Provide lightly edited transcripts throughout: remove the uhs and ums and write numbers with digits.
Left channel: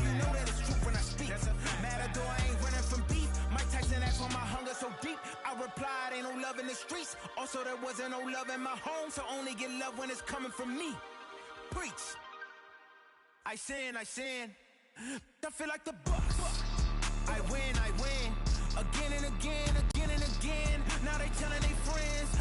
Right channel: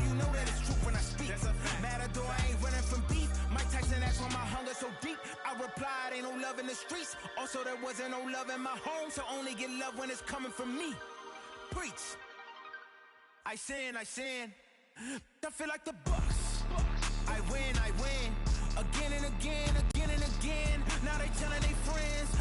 you know that it's truth when I speak. Matador, I ain't running from beef. Mike Tyson, that's why my hunger so deep. I replied, ain't no love in the streets. Also, there wasn't no love in my home, so only get love when it's coming from me. Preach. I sin. I feel like the Bucks. I win. Again and again. Now they telling their friends.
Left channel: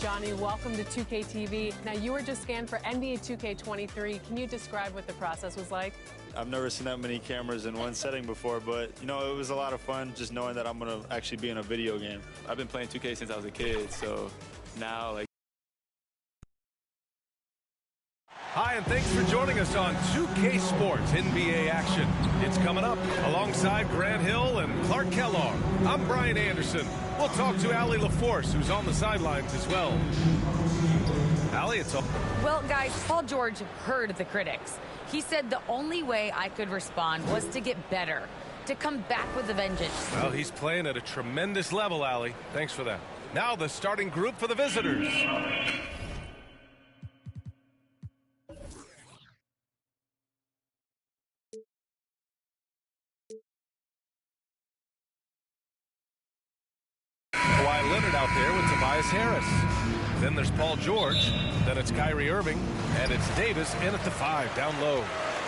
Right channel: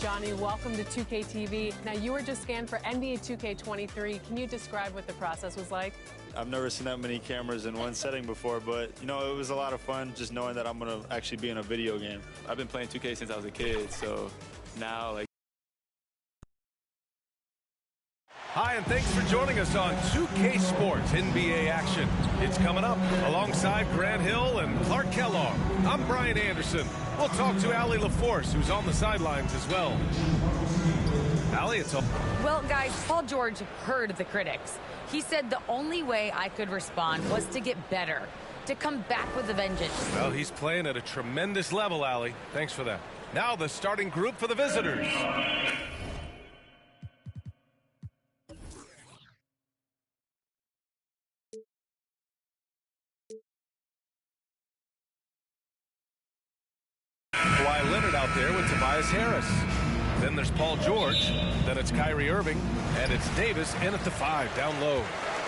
Johnny, welcome to 2K TV. Now, you were just scanned for NBA 2K23. Can you describe what the process was like? I've never seen that many cameras in one setting before, but, you know, it was a lot of fun just knowing that I'm going to actually be in a video game. I've been playing 2K since I was a kid, so now, like... Hi, and thanks for joining us on 2K Sports NBA action. It's coming up alongside Grant Hill and Clark Kellogg. I'm Brian Anderson. We'll talk to Allie LaForce, who's on the sidelines as well. Allie, it's all... Well, guys, Paul George heard the critics. He said the only way I could respond was to get better, to come back with a vengeance. Well, he's playing at a tremendous level, Allie. Thanks for that. Now the starting group for the visitors. Kawhi Leonard out there with Tobias Harris. Then there's Paul George. Then it's Kyrie Irving. And it's Davis in at the 5, down low.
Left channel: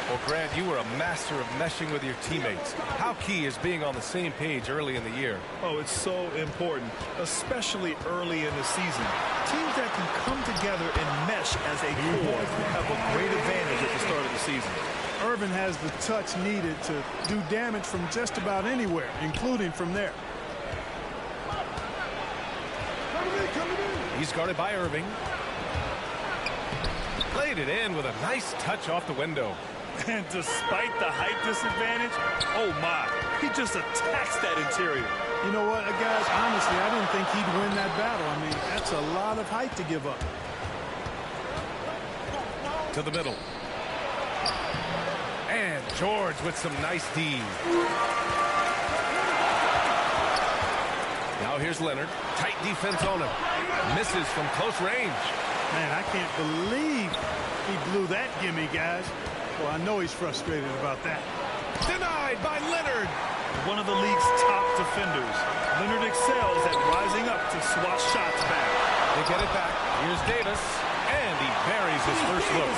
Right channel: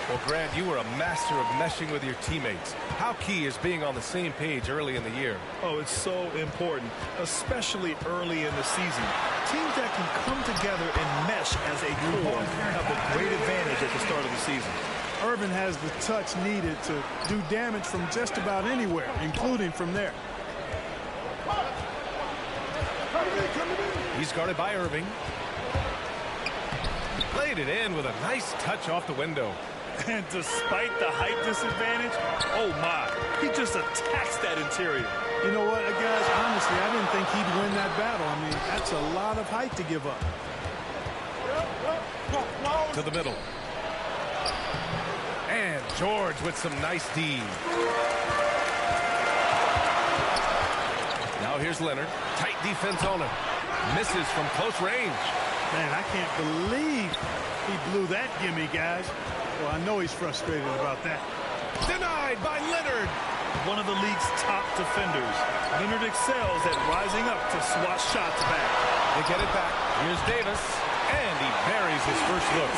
Well, Grant, you were a master of meshing with your teammates. How key is being on the same page early in the year? Oh, it's so important, especially early in the season. Teams that can come together and mesh as a core have a great advantage at the start of the season. Irvin has the touch needed to do damage from just about anywhere, including from there. He's guarded by Irving. Played it in with a nice touch off the window. And despite the height disadvantage, oh my, he just attacks that interior. You know what, guys, honestly, I didn't think he'd win that battle. I mean, that's a lot of height to give up. To the middle. And George with some nice D. Now here's Leonard. Tight defense on him. Misses from close range. Man, I can't believe he blew that gimme, guys. Well, I know he's frustrated about that. Denied by Leonard. One of the league's top defenders. Leonard excels at rising up to swat shots back. They get it back. Here's Davis. And he buries his first look.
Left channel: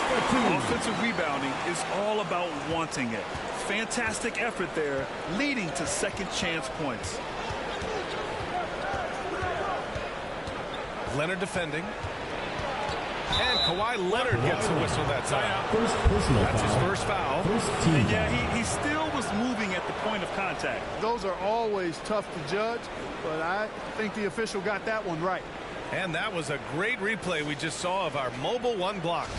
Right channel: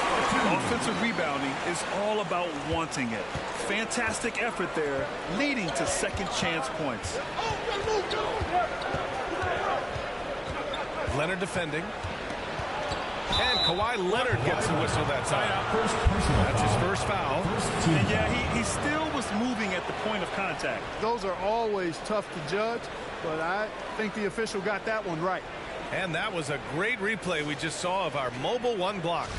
Offensive rebounding is all about wanting it. Fantastic effort there, leading to second chance points. Leonard defending. And Kawhi Leonard gets a whistle that time. That's his first foul. And yeah, he still was moving at the point of contact. Those are always tough to judge, but I think the official got that one right. And that was a great replay we just saw of our mobile one block.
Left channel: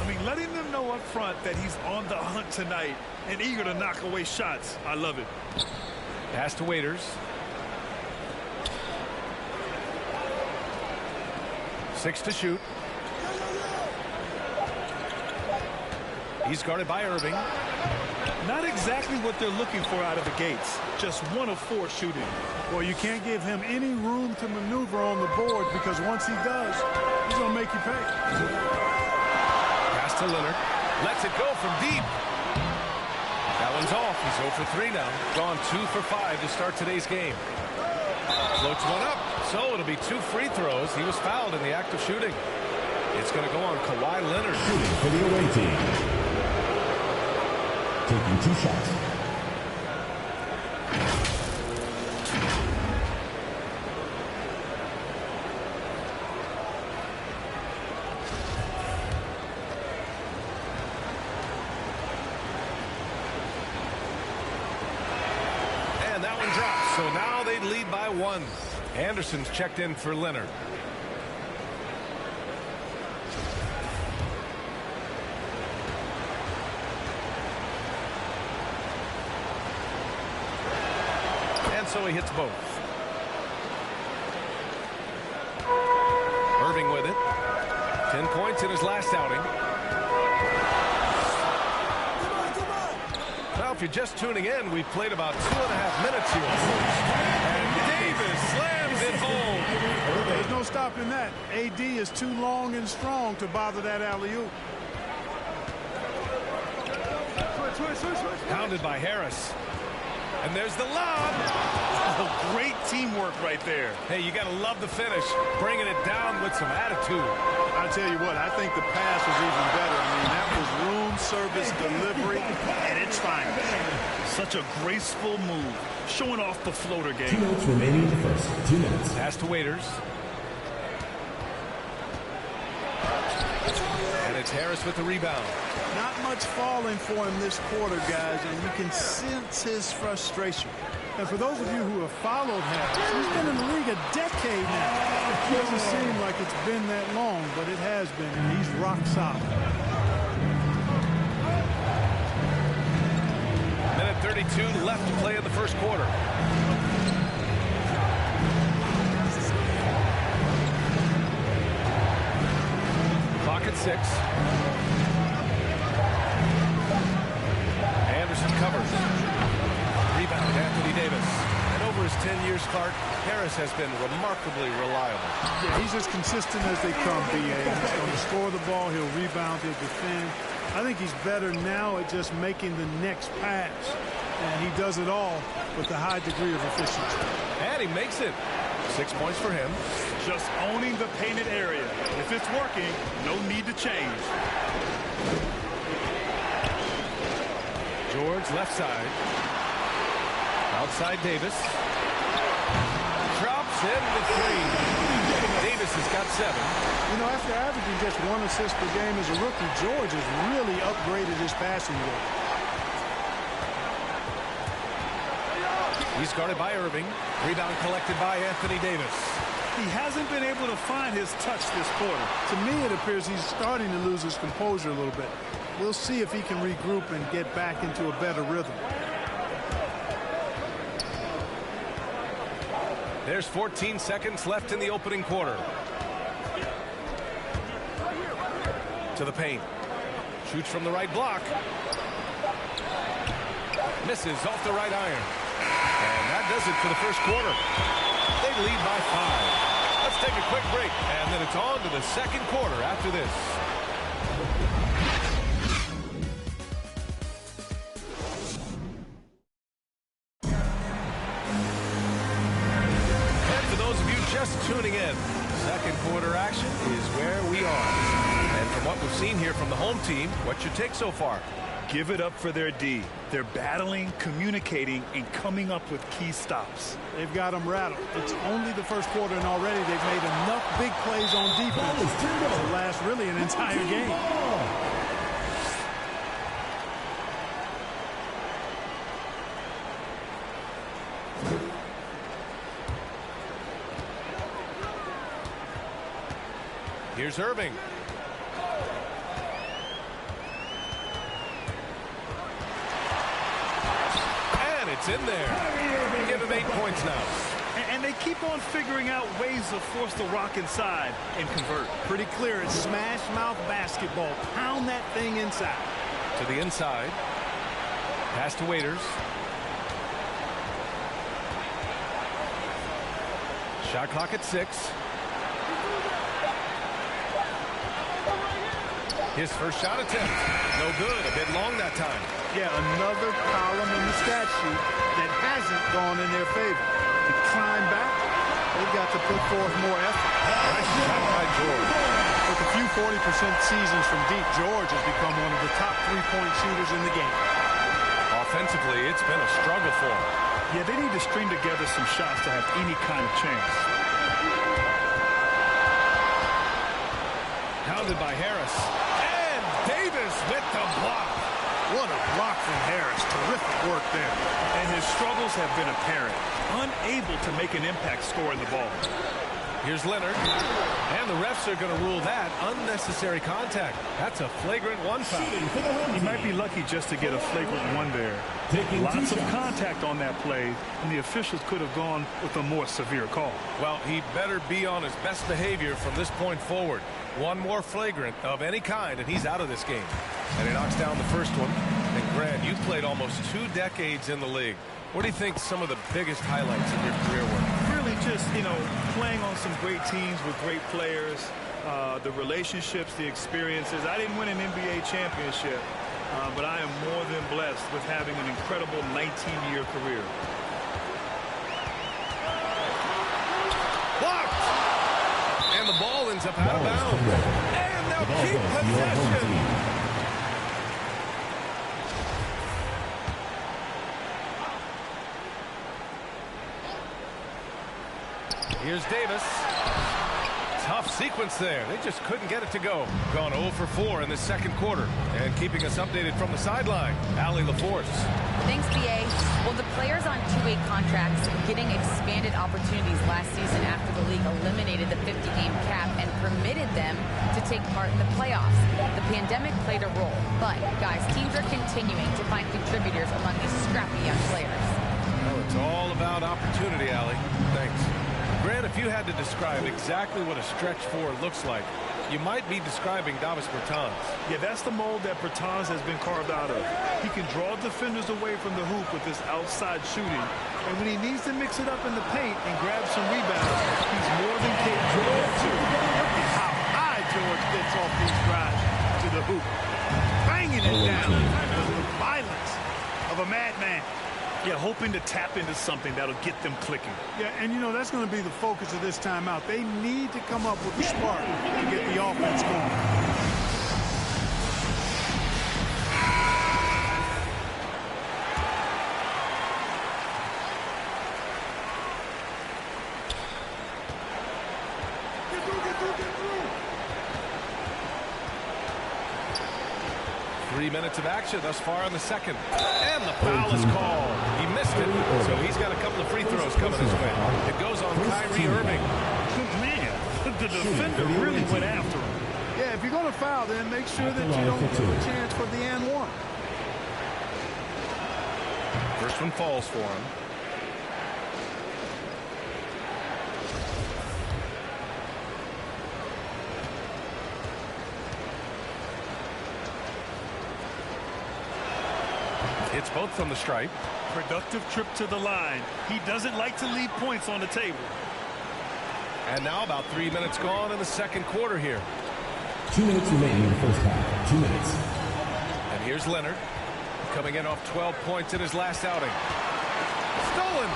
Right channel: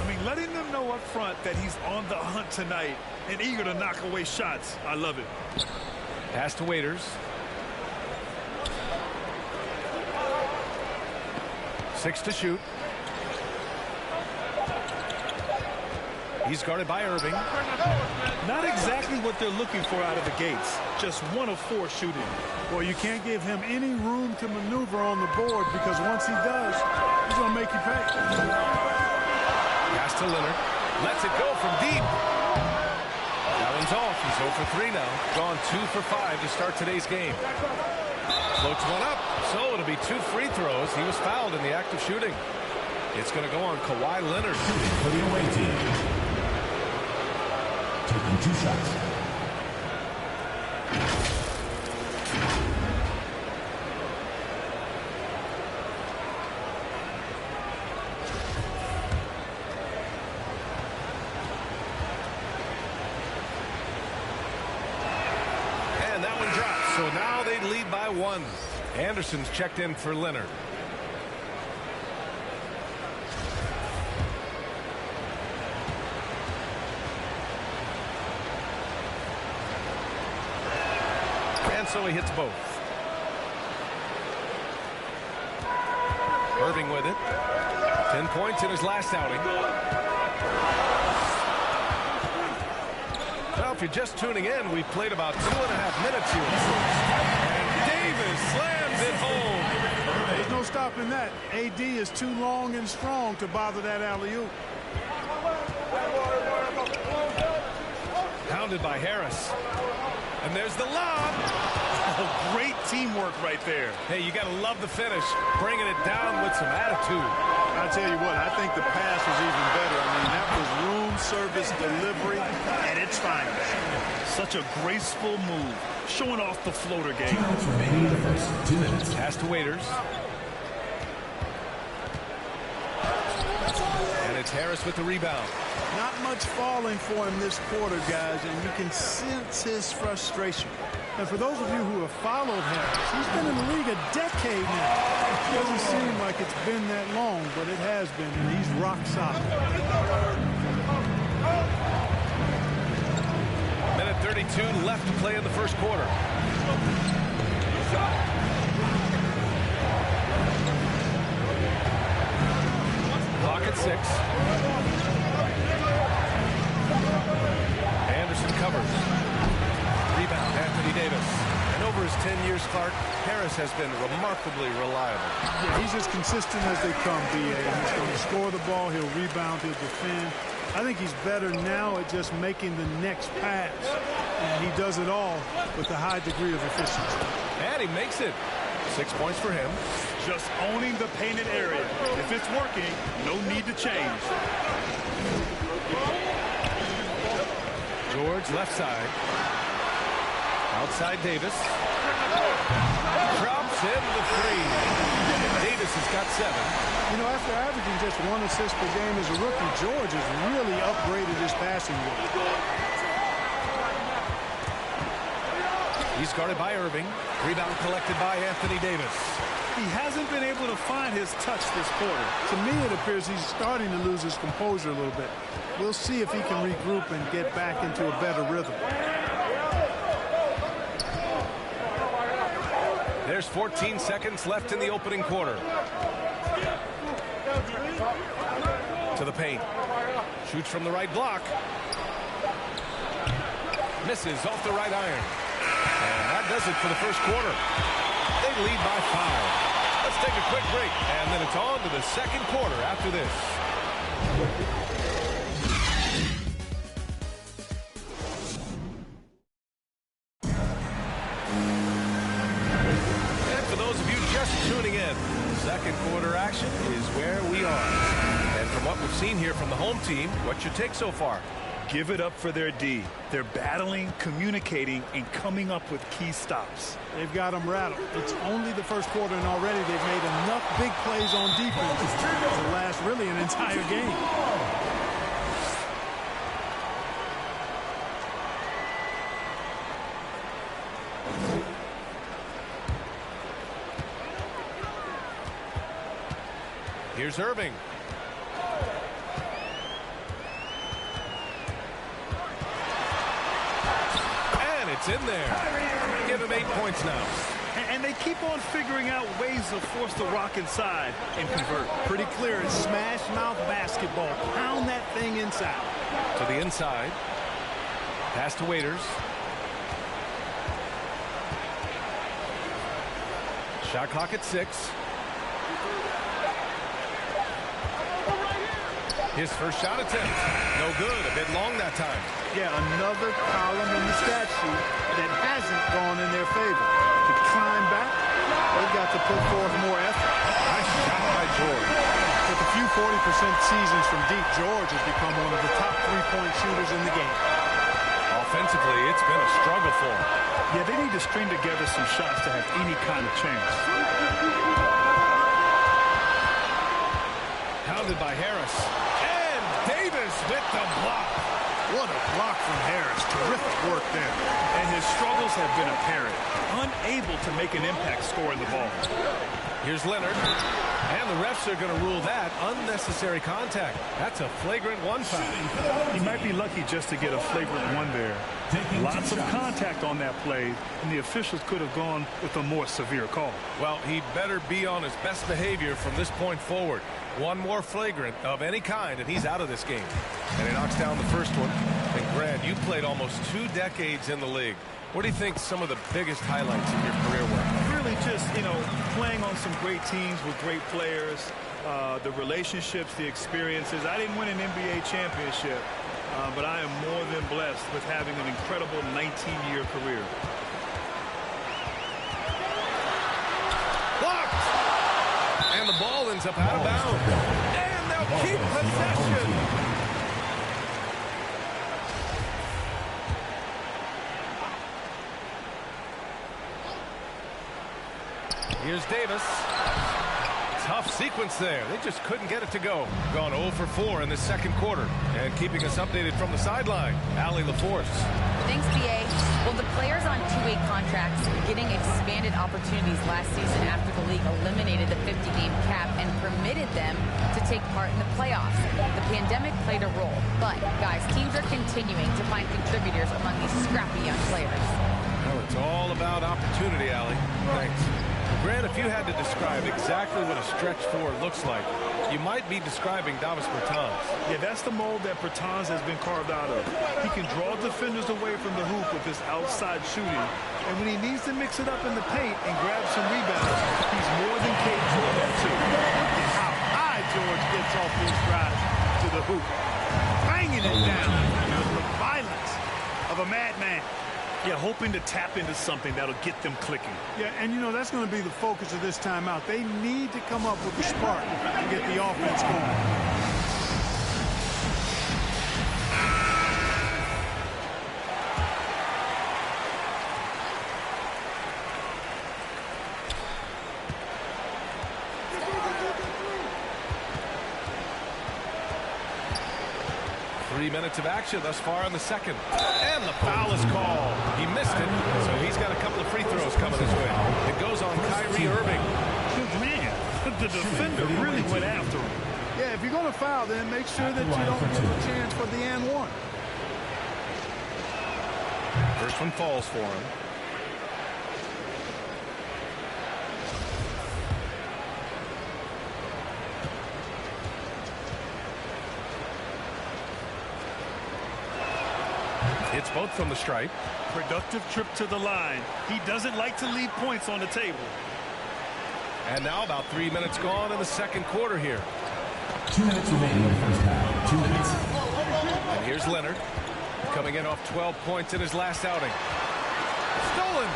I mean, letting them know up front that he's on the hunt tonight and eager to knock away shots. I love it. Pass to Waiters. 6 to shoot. He's guarded by Irving. Not exactly what they're looking for out of the gates. Just 1 of 4 shooting. Well, you can't give him any room to maneuver on the board because once he does, he's going to make you pay. Pass to Leonard. Lets it go from deep. That one's off. He's 0 for 3 now. Gone 2 for 5 to start today's game. Floats one up. So it'll be 2 free throws. He was fouled in the act of shooting. It's going to go on Kawhi Leonard. Shooting for the away team. Taking 2 shots. And that one drops. So now they lead by 1. Anderson's checked in for Leonard. And so he hits both. Irving with it. 10 points in his last outing. Well, if you're just tuning in, we've played about 2.5 minutes here. And Davis slams it home. There's no stopping that. AD is too long and strong to bother that alley-oop. Pounded by Harris. And there's the lob. Oh, great teamwork right there. Hey, you got to love the finish. Bringing it down with some attitude. I tell you what, I think the pass was even better. I mean, that was room service delivery at its finest. Such a graceful move, showing off the floater 2 game. minutes remaining in the first. 2 minutes. Pass to Waiters. And it's Harris with the rebound. Not much falling for him this quarter, guys, and you can sense his frustration. And for those of you who have followed Harris, he's been in the league a decade now. It doesn't seem like it's been that long, but it has been, and he's rock solid. Minute 32 left to play in the first quarter. Clock at 6. Anderson covers. Rebound, Anthony Davis. And over his 10 years, Clark, Harris has been remarkably reliable. Yeah, he's as consistent as they come, B.A. He's going to score the ball, he'll rebound, he'll defend. I think he's better now at just making the next pass. And he does it all with a high degree of efficiency. And he makes it. 6 points for him. Just owning the painted area. If it's working, no need to change. George left side. Outside Davis. Drops in the 3. Davis has got 7. You know, after averaging just 1 assist per game as a rookie, George has really upgraded his passing game. He's guarded by Irving. Rebound collected by Anthony Davis. He hasn't been able to find his touch this quarter. To me, it appears he's starting to lose his composure a little bit. We'll see if he can regroup and get back into a better rhythm. There's 14 seconds left in the opening quarter. To the paint. Shoots from the right block. Misses off the right iron. And that does it for the first quarter. They lead by 5. Let's take a quick break, and then it's on to the second quarter after this. And for those of you just tuning in, second quarter action is where we are. And from what we've seen here from the home team, what's your take so far? Give it up for their D. They're battling, communicating, and coming up with key stops. They've got them rattled. It's only the first quarter, and already they've made enough big plays on defense to last really an entire game. Here's Irving. And it's in there. Give him 8 points now. And they keep on figuring out ways to force the rock inside and convert. Pretty clear. It's smash mouth basketball. Pound that thing inside. To the inside. Pass to Waiters. Shot clock at 6. His first shot attempt. No good. A bit long that time. Yeah, another column in the stat sheet that hasn't gone in their favor. To climb back, they've got to put forth more effort. Nice shot by George. With a few 40% seasons from deep, George has become one of the top three-point shooters in the game. Offensively, it's been a struggle for him. Yeah, they need to string together some shots to have any kind of chance. Pounded by Harris. And Davis with the block. What a block from Harris. Terrific work there. And his struggles have been apparent. Unable to make an impact scoring the ball. Here's Leonard. And the refs are going to rule that unnecessary contact. That's a flagrant one foul. He might be lucky just to get a flagrant one there. Lots of contact on that play, and the officials could have gone with a more severe call. Well, he better be on his best behavior from this point forward. One more flagrant of any kind, and he's out of this game. And he knocks down the first one. And Grant, you played almost 2 decades in the league. What do you think some of the biggest highlights in your career were? Really just, playing on some great teams with great players, the relationships, the experiences. I didn't win an NBA championship, but I am more than blessed with having an incredible 19-year career. Blocked! And the ball ends up out of bounds. And they'll keep possession. Here's Davis. Tough sequence there. They just couldn't get it to go. Gone 0 for 4 in the second quarter. And keeping us updated from the sideline, Allie LaForce. Thanks, BA. Well, the players on two-way contracts getting expanded opportunities last season after the league eliminated the 50-game cap and permitted them to take part in the playoffs. The pandemic played a role. But, guys, teams are continuing to find contributors among these scrappy young players. Well, it's all about opportunity, Allie. Thanks. Grant, if you had to describe exactly what a stretch four looks like, you might be describing Davis Bertans. Yeah, that's the mold that Bertans has been carved out of. He can draw defenders away from the hoop with his outside shooting, and when he needs to mix it up in the paint and grab some rebounds, he's more than capable of that too. Look at how high George gets off these drives to the hoop, banging it down with the violence of a madman. Yeah, hoping to tap into something that'll get them clicking. Yeah, and that's going to be the focus of this timeout. They need to come up with a spark to get the offense going. Three minutes of action thus far in the second. And the foul is called. He missed it, so he's got a couple of free throws coming his way. It goes on Kyrie Irving. Man, the defender really went after him. Yeah, if you're going to foul, then make sure that you don't give a chance for the and one. First one falls for him. It's both from the stripe. Productive trip to the line. He doesn't like to leave points on the table. And now about 3 minutes gone in the second quarter here. 2 minutes remaining in the first half. 2 minutes. And here's Leonard coming in off 12 points in his last outing. Stolen.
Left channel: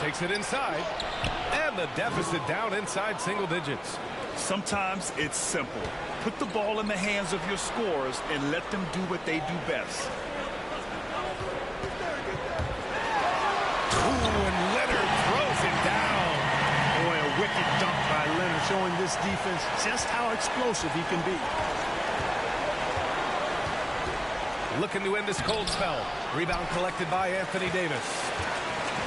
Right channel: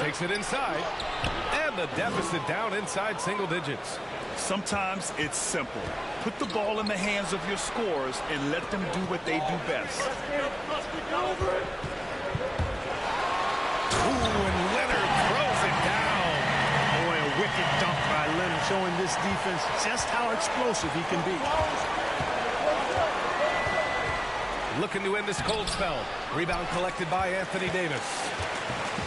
Takes it inside. And the deficit down inside single digits. Sometimes it's simple. Put the ball in the hands of your scorers and let them do what they do best. Ooh, and Leonard throws it down. Boy, a wicked dunk by Leonard, showing this defense just how explosive he can be. Looking to end this cold spell. Rebound collected by Anthony Davis.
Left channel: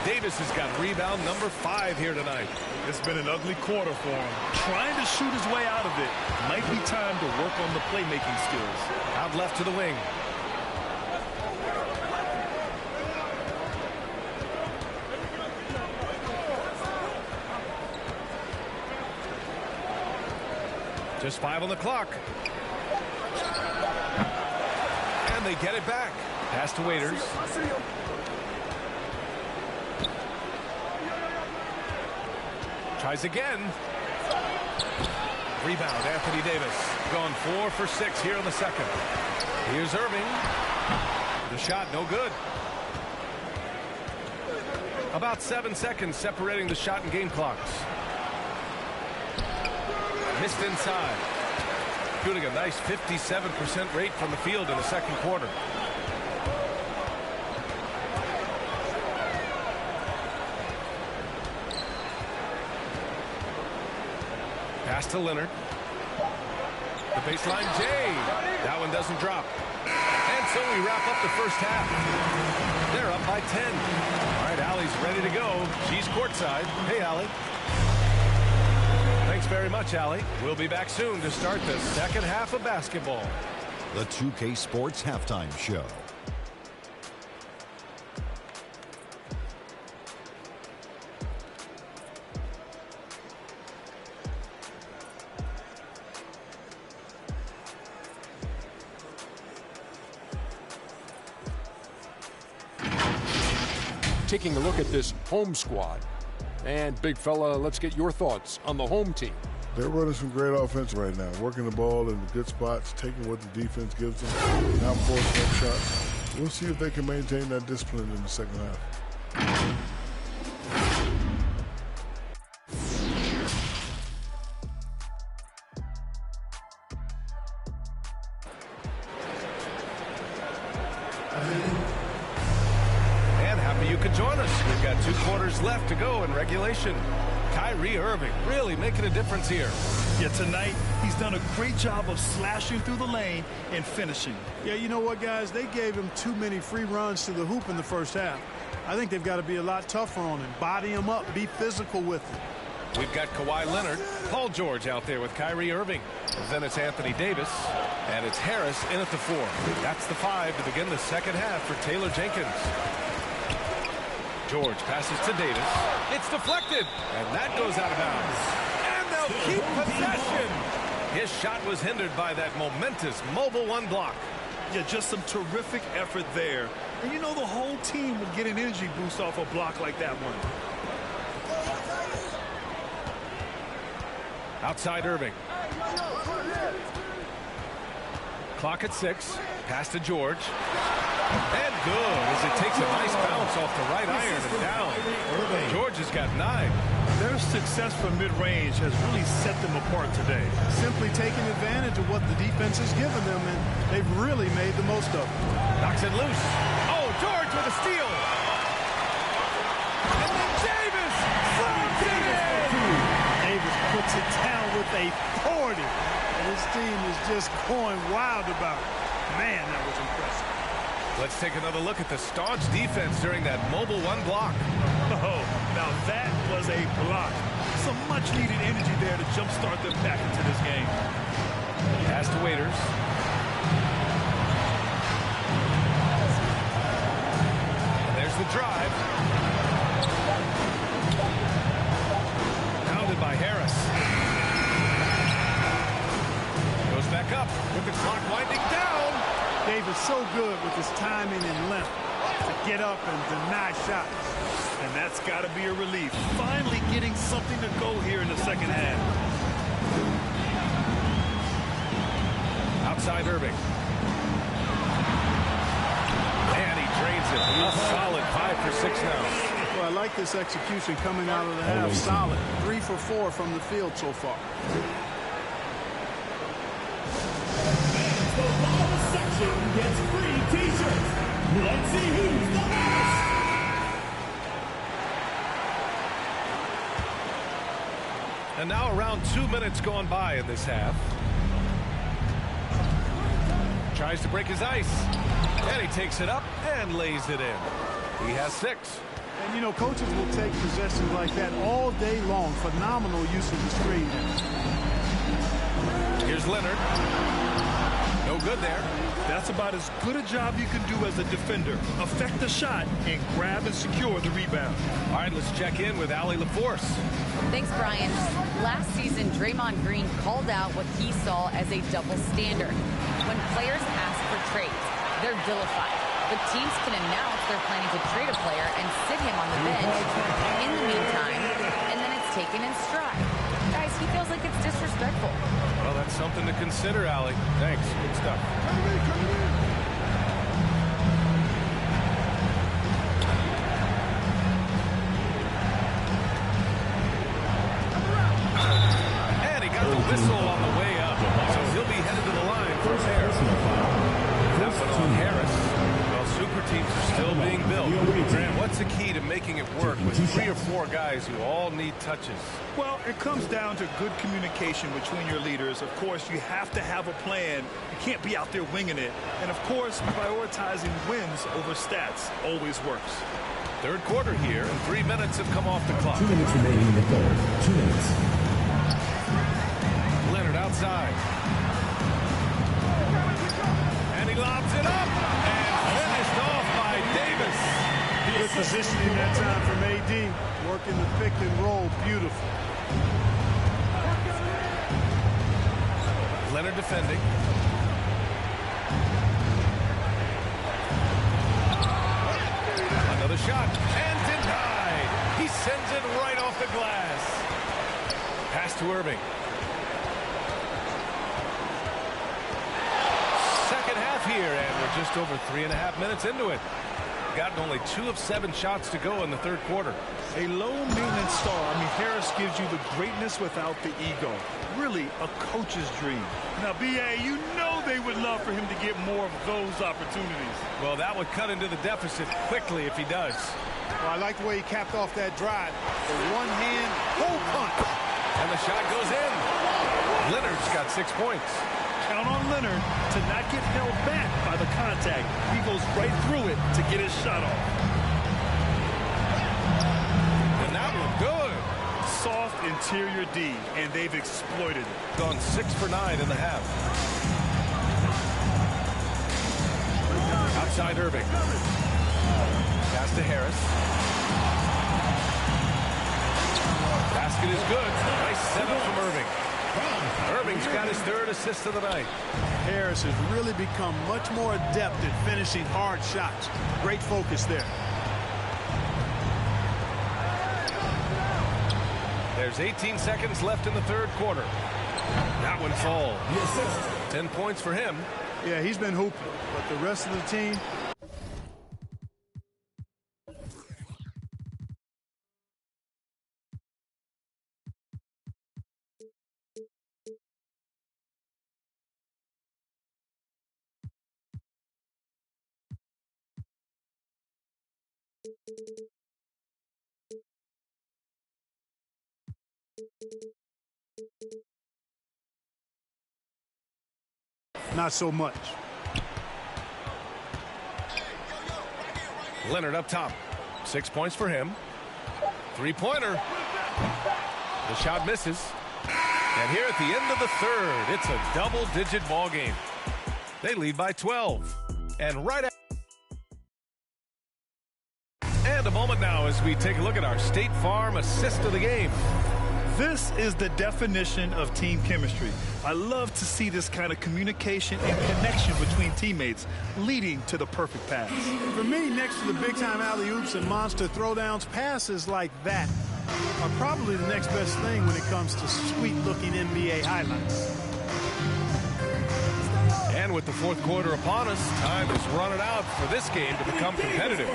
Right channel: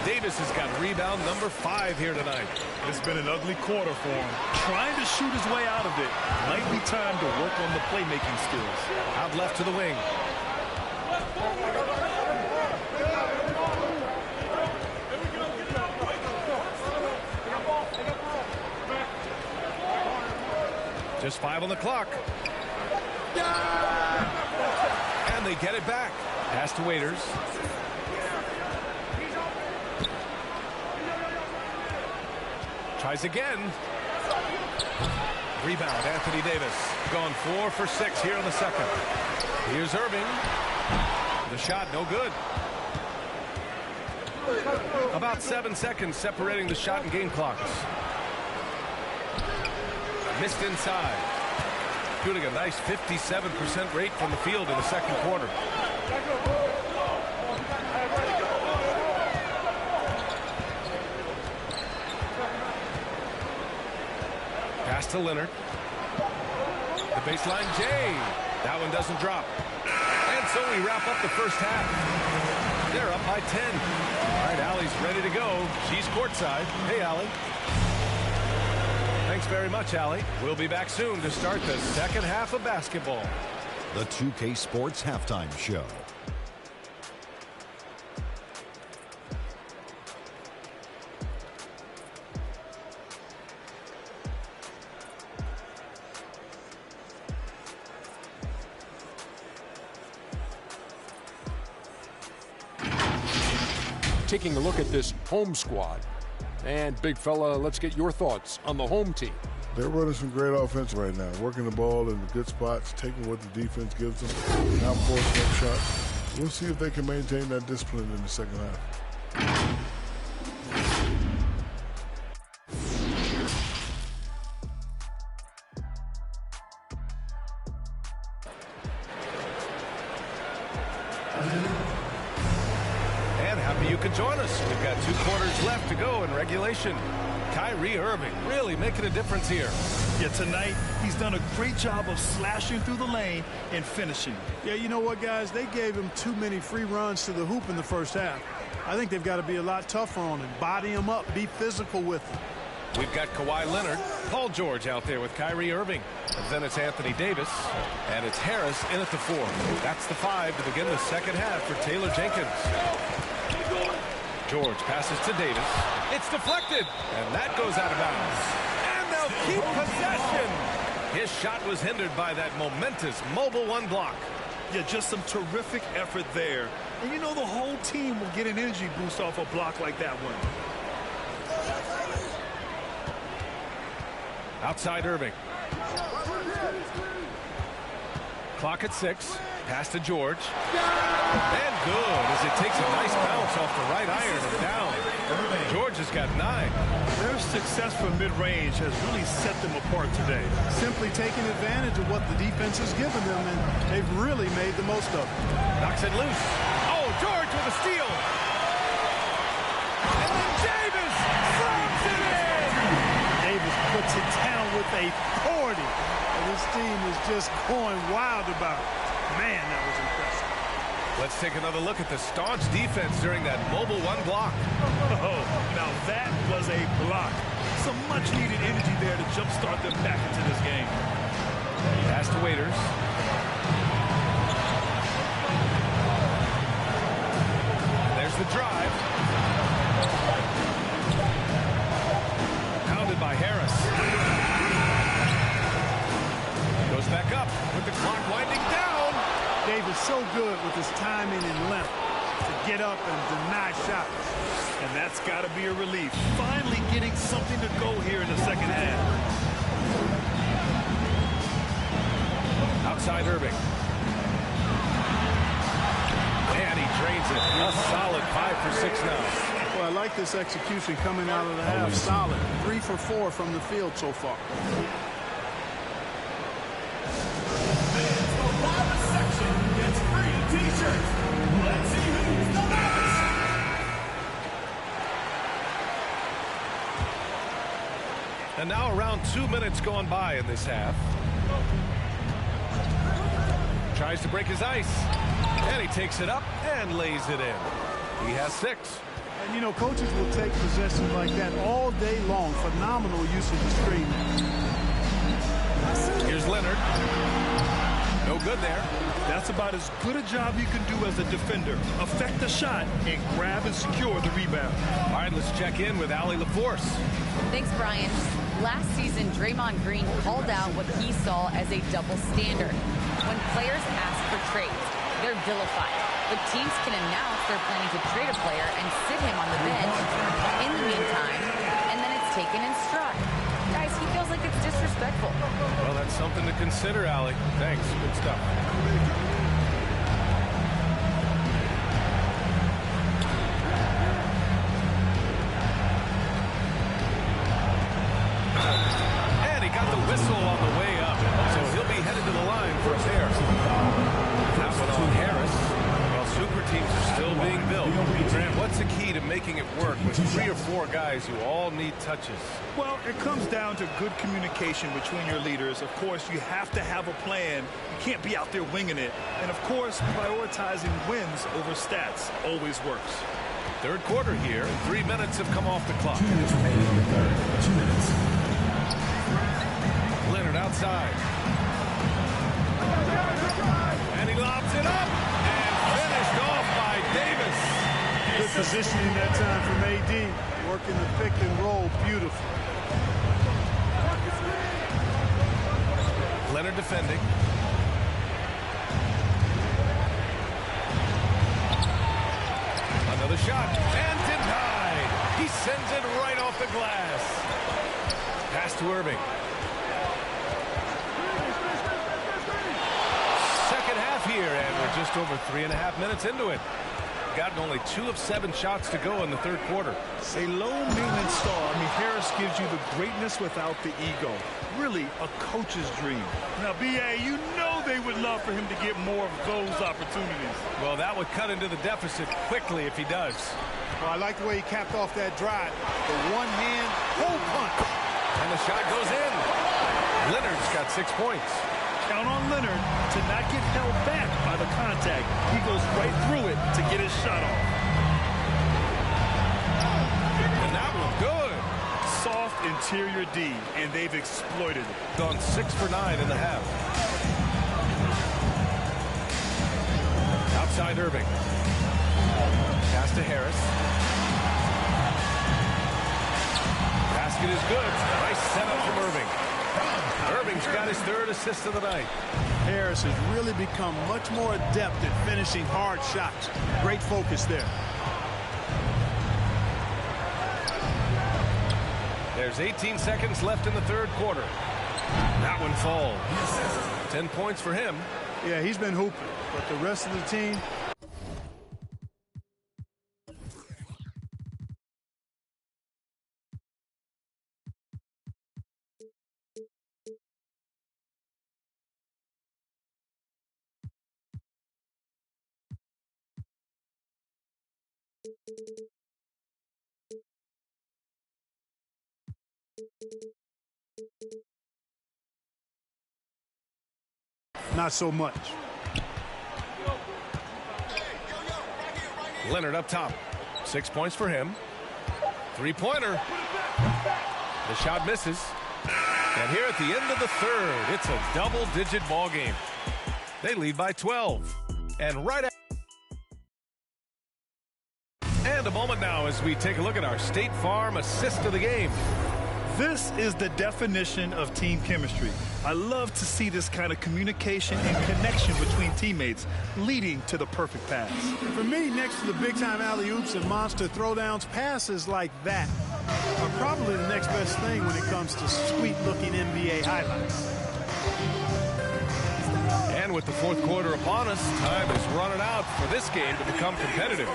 Davis has got rebound number 5 here tonight. It's been an ugly quarter for him. Trying to shoot his way out of it. Might be time to work on the playmaking skills. Out left to the wing. Just 5 on the clock. And they get it back. Pass to Waiters. Tries again. Rebound, Anthony Davis. Gone 4 for 6 here in the second. Here's Irving. The shot, no good. About 7 seconds separating the shot and game clocks. Missed inside. Shooting a nice 57% rate from the field in the second quarter. Pass to Leonard. The baseline, Jay. That one doesn't drop. And so we wrap up the first half. They're up by 10. All right, Allie's ready to go. She's courtside. Hey, Allie. Thanks very much, Allie. We'll be back soon to start the second half of basketball. The 2K Sports Halftime Show. Taking a look at this home squad. And big fella, let's get your thoughts on the home team. They're running some great offense right now, working the ball in the good spots, taking what the defense gives them, not forcing up shots. We'll see if they can maintain that discipline in the second half. And happy you could join us. We've got 2 quarters left to go in regulation. Kyrie Irving really making a difference here. Yeah, tonight he's done a great job of slashing through the lane and finishing. Yeah, you know what, guys? They gave him too many free runs to the hoop in the first half. I think they've got to be a lot tougher on him. Body him up. Be physical with him. We've got Kawhi Leonard, Paul George out there with Kyrie Irving. Then it's Anthony Davis, and it's Harris in at the 4. That's the 5 to begin the second half for Taylor Jenkins. George passes to Davis. It's deflected, and that goes out of bounds. And they'll keep possession. His shot was hindered by that momentous Mobile One block. Yeah, just some terrific effort there. And you know the whole team will get an energy boost off a block like that one. Outside Irving. Clock at 6. Pass to George. And good as it takes a nice bounce off the right iron and down. George has got 9. Their success from mid-range has really set them apart today. Simply taking advantage of what the defense has given them, and they've really made the most of it. Knocks it loose. Oh, George with a steal. And then Davis slams it in. Davis puts it down with authority. And his team is just going wild about it. Man, that was impressive. Let's take another look at the staunch defense during that Mobile One block. Oh, now that was a block. Some much-needed energy there to jumpstart them back into this game. Pass to Waiters. And there's the drive. Pounded by Harris. Goes back up with the clock winding down. Davis so good with his timing and length to get up and deny shots. And that's got to be a relief. Finally getting something to go here in the second half. Outside Irving. And he drains it. A solid 5 for 6 now. Well, I like this execution coming out of the half. Solid. 3 for 4 from the field so far. Gets free t-shirts. Let's see who's the best. And now around 2 minutes gone by in this half. Tries to break his ice. And he takes it up and lays it in. He has 6. And, you know, coaches will take possessions like that all day long. Phenomenal use of the screen there. Here's Leonard. No good there. That's about as good a job you can do as a defender. Affect the shot and grab and secure the rebound. All right, let's check in with Allie LaForce. Thanks, Brian. Last season, Draymond Green called out what he saw as a double standard. When players ask for trades, they're vilified. But teams can announce they're planning to trade a player and sit him on the bench in the meantime, and then it's taken in stride. Guys, he feels like it's disrespectful. Well, that's something to consider, Allie. Thanks. Good stuff. And he got the whistle on the way up. So he'll be headed to the line for a pair. That one on Harris. Well, super teams are still being built. Grant, what's the key to making it work with 3 or 4 guys who all need touches? Well, it comes down to good communication between your leaders. Of course, you have to have a plan. You can't be out there winging it. And, of course, prioritizing wins over stats always works. Third quarter here, and 3 minutes have come off the clock. 2 minutes remaining in the third. 2 minutes. Leonard outside. And he lobs it up and finished off by Davis. Good positioning that time from AD. Working the pick and roll beautiful. Leonard defending. Another shot and denied. He sends it right off the glass. Pass to Irving. Second half here, and we're just over 3.5 minutes into it. Gotten only 2 of 7 shots to go in the third quarter. A low-maintenance star. I mean, Harris gives you the greatness without the ego. Really a coach's dream. Now, B.A., you know they would love for him to get more of those opportunities. Well, that would cut into the deficit quickly if he does. Well, I like the way he capped off that drive. The one-hand hole punch. And the shot goes in. Leonard's got 6 points. Count on Leonard to not get held back by the contact. He goes right through it to get his shot off. And that one good. Soft interior D, and they've exploited it. Gone 6 for 9 in the half. Outside Irving. Pass to Harris. Basket is good. Nice setup from Irving. Irving's got his 3rd assist of the night. Harris has really become much more adept at finishing hard shots. Great focus there. There's 18 seconds left in the third quarter. That one falls. 10 points for him. Yeah, he's been hooping, but the rest of the team... Not so much. Leonard up top. 6 points for him. 3-pointer. The shot misses. And here at the end of the third, it's a double-digit ball game. They lead by 12. And right after. And a moment now as we take a look at our State Farm assist of the game. This is the definition of team chemistry. I love to see this kind of communication and connection between teammates leading to the perfect pass. For me, next to the big-time alley-oops and monster throwdowns, passes like that are probably the next best thing when it comes to sweet-looking NBA highlights. And with the fourth quarter upon us, time is running out for this game to become competitive.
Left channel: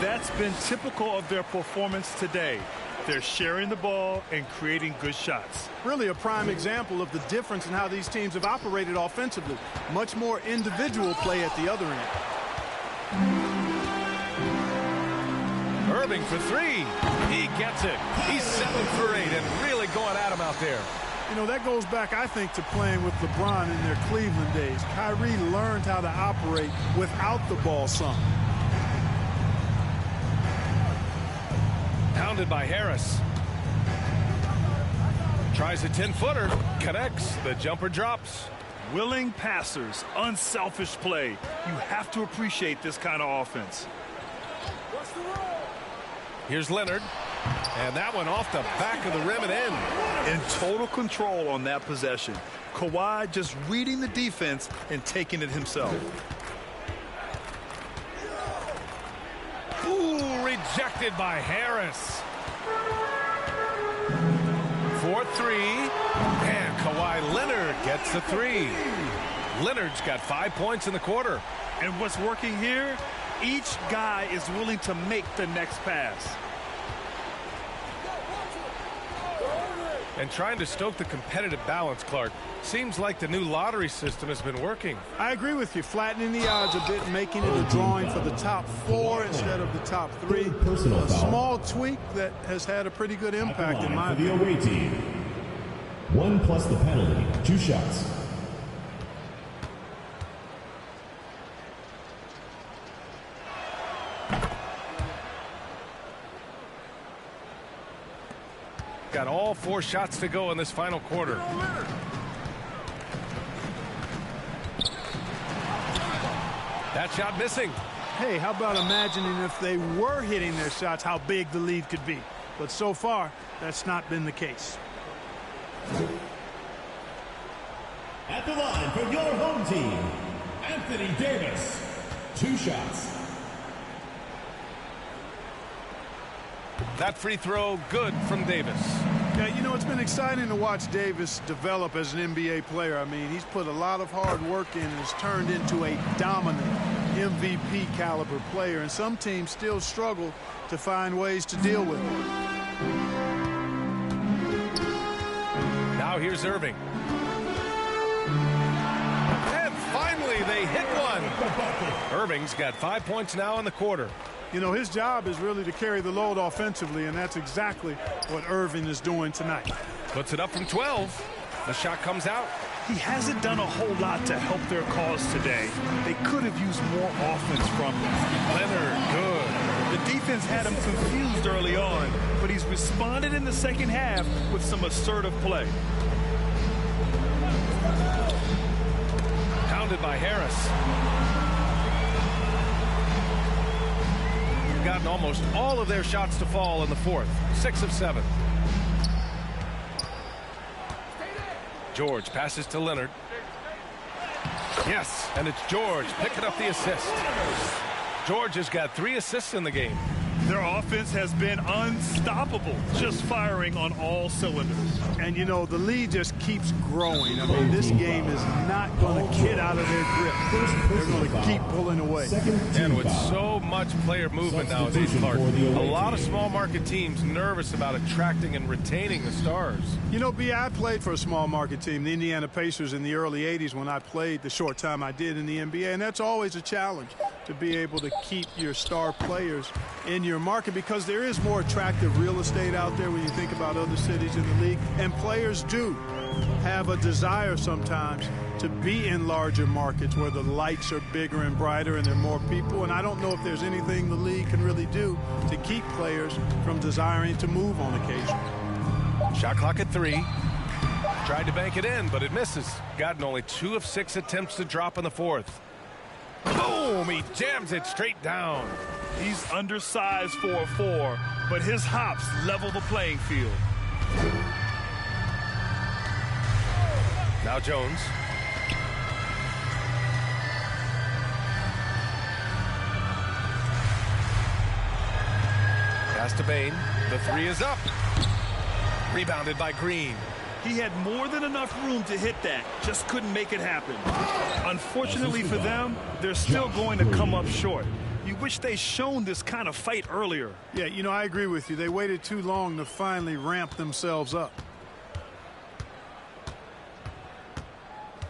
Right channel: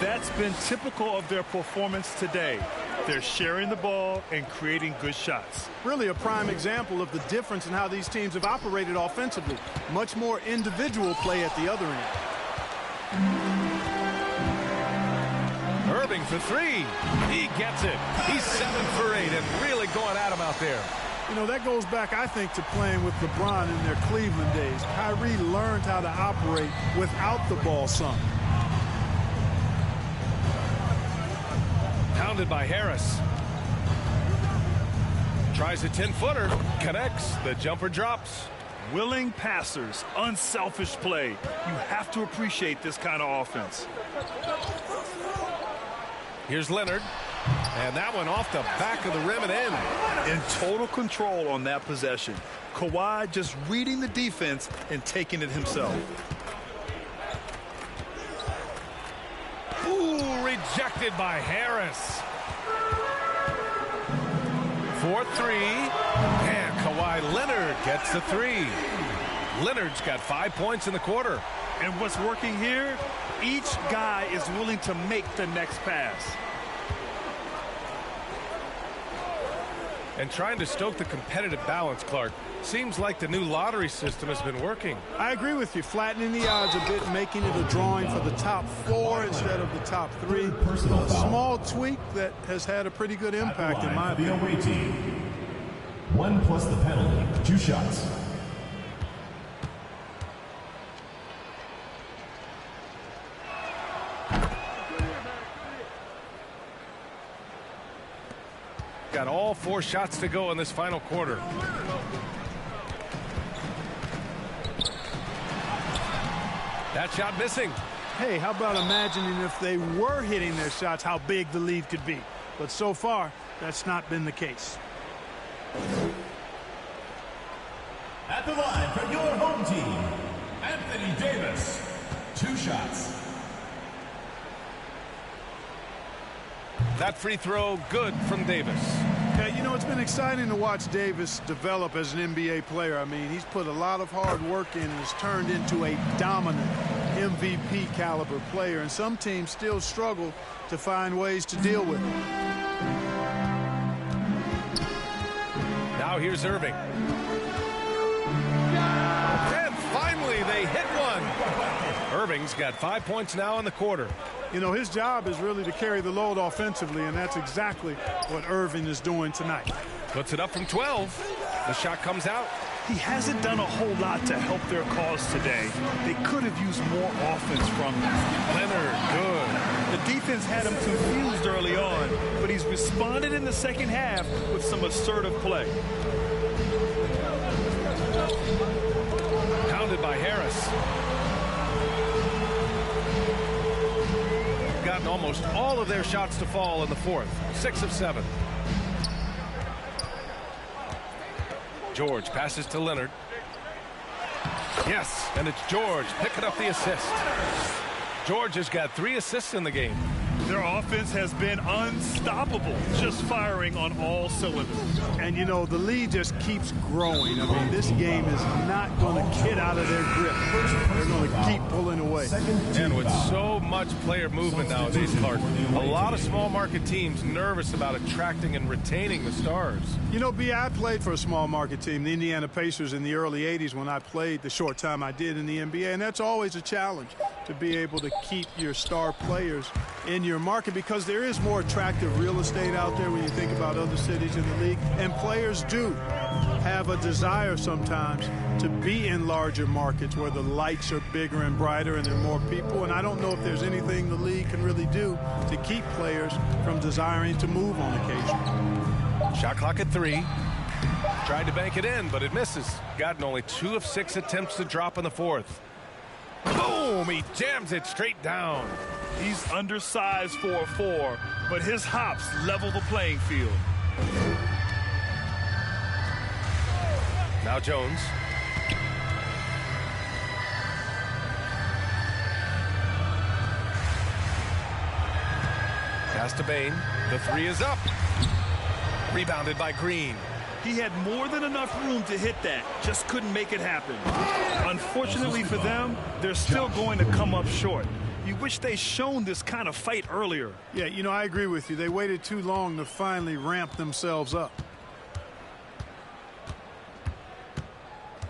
That's been typical of their performance today. They're sharing the ball and creating good shots. Really a prime example of the difference in how these teams have operated offensively. Much more individual play at the other end. Irving for 3. He gets it. He's 7 for 8 and really going at him out there. You know, that goes back, I think, to playing with LeBron in their Cleveland days. Kyrie learned how to operate without the ball some. Pounded by Harris. Tries a 10-footer. Connects. The jumper drops. Willing passers. Unselfish play. You have to appreciate this kind of offense. Here's Leonard. And that one off the back of the rim and in. In total control on that possession. Kawhi just reading the defense and taking it himself. Ooh, rejected by Harris. 4-3. And Kawhi Leonard gets the 3. Leonard's got 5 points in the quarter. And what's working here? Each guy is willing to make the next pass. And trying to stoke the competitive balance, Clark, seems like the new lottery system has been working. I agree with you. Flattening the odds a bit, making it a drawing for the top 4 instead of the top 3. A small tweak that has had a pretty good impact in my opinion. The away team. 1 plus the penalty. 2 shots. Got all 4 shots to go in this final quarter. That shot missing. Hey, how about imagining if they were hitting their shots, how big the lead could be. But so far, that's not been the case. At the line for your home team, Anthony Davis. 2 shots. That free throw good from Davis. Yeah, you know, it's been exciting to watch Davis develop as an NBA player. I mean, he's put a lot of hard work in and has turned into a dominant MVP caliber player. And some teams still struggle to find ways to deal with it. Now here's Irving. And finally they hit one. Irving's got 5 points now in the quarter. You know, his job is really to carry the load offensively, and that's exactly what Irving is doing tonight. Puts it up from 12. The shot comes out. He hasn't done a whole lot to help their cause today. They could have used more offense from him. Leonard, good. The defense had him confused early on, but he's responded in the second half with some assertive play. Pounded by Harris. Gotten almost all of their shots to fall in the fourth. 6 of 7. George passes to Leonard. Yes, and it's George picking up the assist. George has got 3 assists in the game. Their offense has been unstoppable, just firing on all cylinders. And, you know, the lead just keeps growing. I mean, this game is not going to get out of their grip. They're going to keep pulling away. And with so much player movement nowadays, Clark, a lot of small market teams nervous about attracting and retaining the stars. You know, B, I played for a small market team, the Indiana Pacers, in the early 80s when I played the short time I did in the NBA. And that's always a challenge, to be able to keep your star players in your market, because there is more attractive real estate out there when you think about other cities in the league. And players do have a desire sometimes to be in larger markets where the lights are bigger and brighter and there are more people. And I don't know if there's anything the league can really do to keep players from desiring to move on occasion. Shot clock at 3. Tried to bank it in, but it misses. Gotten only 2 of 6 attempts to drop in the fourth. Boom! He jams it straight down. He's undersized for a 4, but his hops level the playing field. Now Jones. Pass to Bain. The 3 is up. Rebounded by Green. He had more than enough room to hit that, just couldn't make it happen. Unfortunately for them, they're still going to come up short. You wish they shown this kind of fight earlier. Yeah, you know, I agree with you. They waited too long to finally ramp themselves up.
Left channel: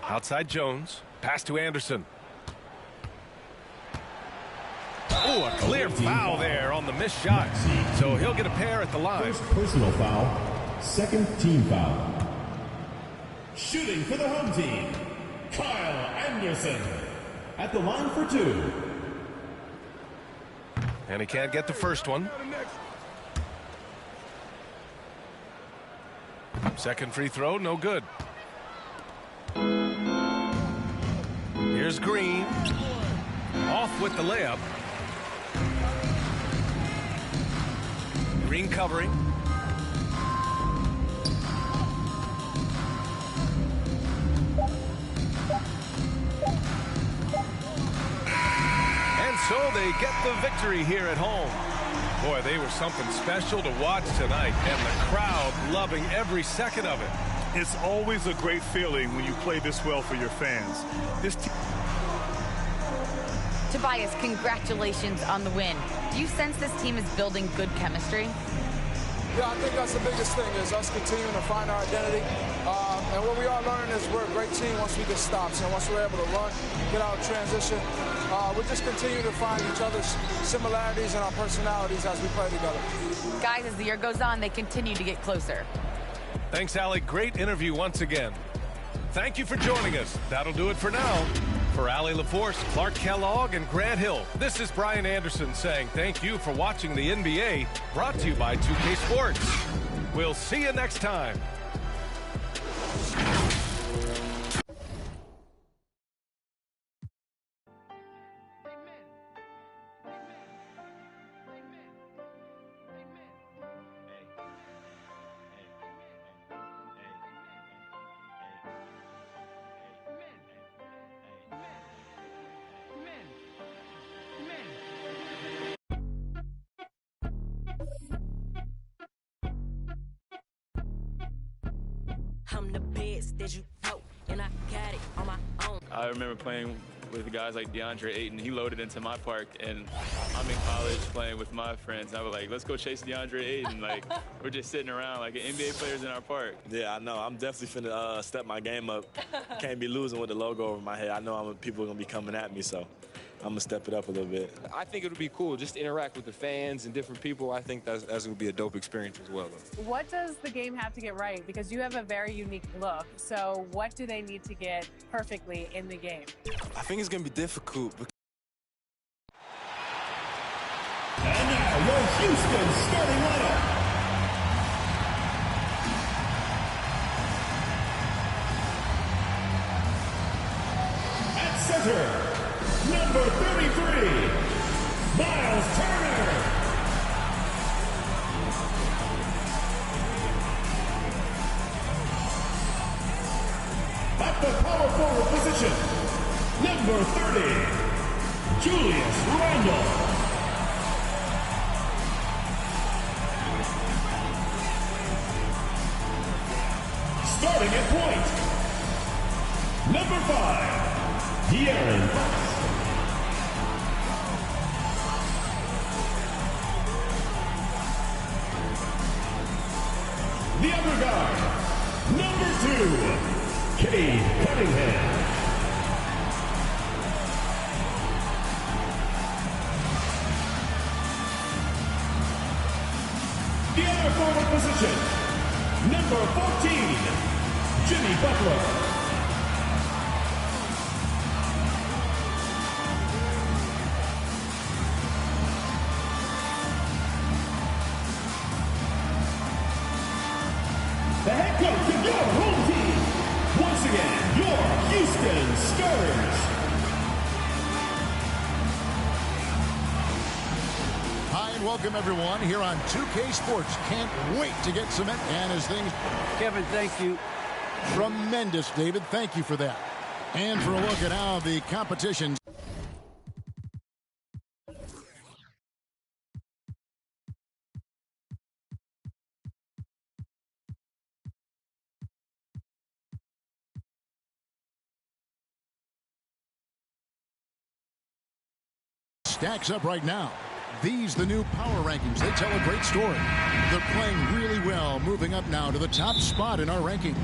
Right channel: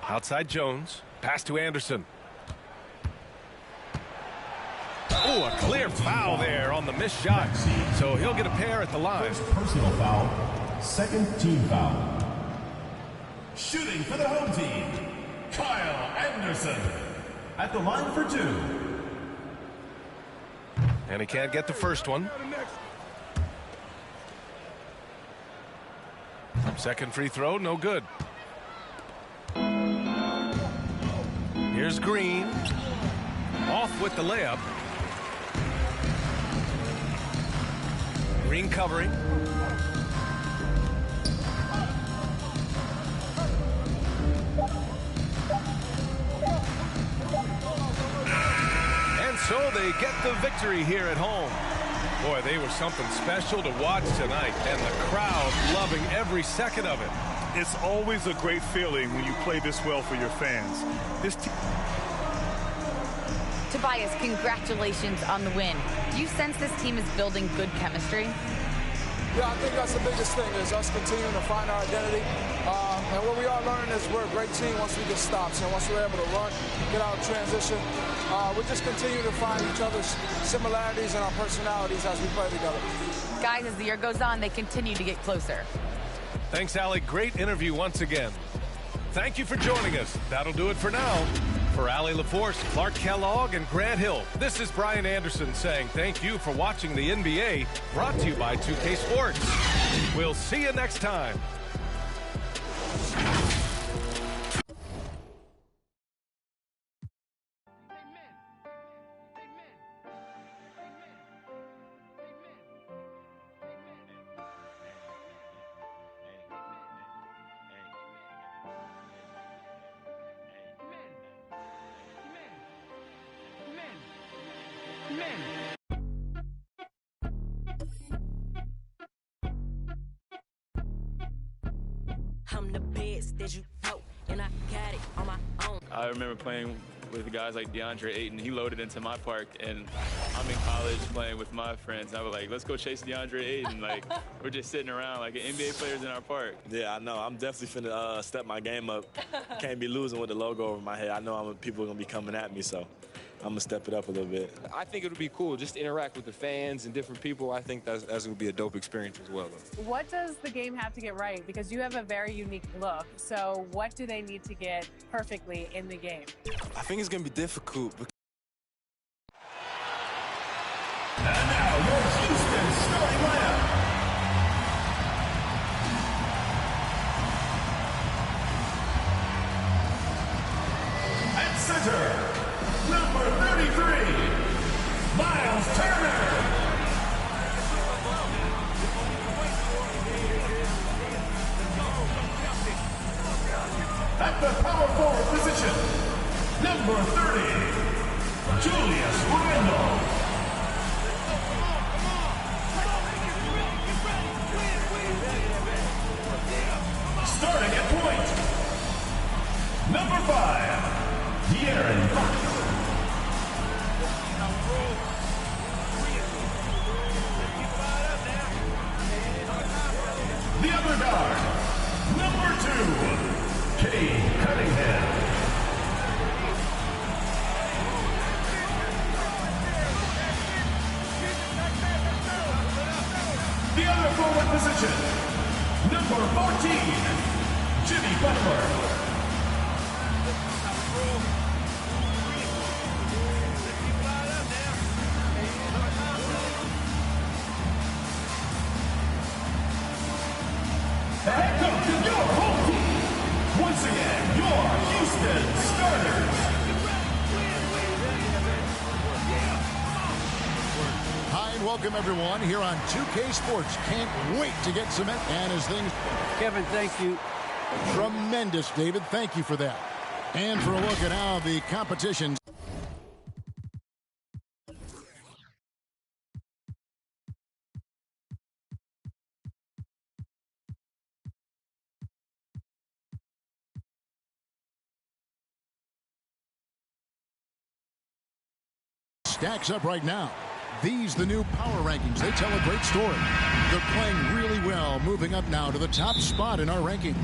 Outside Jones. Pass to Anderson. Oh, a clear foul there on the missed shot. So he'll get a pair at the line. First personal foul. Second team foul. Shooting for the home team, Kyle Anderson. At the line for 2. And he can't get the first one. Second free throw, no good. Here's Green. Off with the layup. Green covering. And so they get the victory here at home. Boy, they were something special to watch tonight, and the crowd loving every second of it. It's always a great feeling when you play this well for your fans. Tobias, congratulations on the win. Do you sense this team is building good chemistry? Yeah, I think that's the biggest thing is us continuing to find our identity. And what we are learning is we're a great team once we get stops. And once we're able to run, get out of transition, we just continue to find each other's similarities and our personalities as we play together. Guys, as the year goes on, they continue to get closer. Thanks, Allie. Great interview once again. Thank you for joining us. That'll do it for now. For Allie LaForce, Clark Kellogg, and Grant Hill, this is Brian Anderson saying thank you for watching the NBA, brought to you by 2K Sports. We'll see you next time. I'm the best that you know, and I got it on my own. I remember playing with guys like DeAndre Ayton. He loaded into my park, and I'm in college playing with my friends. And I was like, let's go chase DeAndre Ayton. Like, we're just sitting around like NBA players in our park. Yeah, I know. I'm definitely finna step my game up. Can't be losing with the logo over my head. I know people are going to be coming at me, so I'm going to step it up a little bit. I think it would be cool just to interact with the fans and different people. I think that's going to be a dope experience as well, though. What does the game have to get right? Because you have a very unique look. So what do they need to get perfectly in the game? I think it's going to be difficult. And now your Houston starting lineup. At center, number 33, Miles Turner. At the power forward position, number 30, Julius Randle. Starting at point, number 5, De'Aaron Fox. The other guard, number 2, Cade Cunningham. The other forward position, number 14, Jimmy Butler. The head coach of your home team. Once again, your Houston Starters. Hi and welcome everyone here on 2K Sports. Can't wait to get some and as things. Kevin, thank you. Tremendous, David. Thank you for that. And for a look at how the competition stacks up right now. These the new power rankings. They tell a great story. They're playing really well, moving up now to the top spot in our rankings.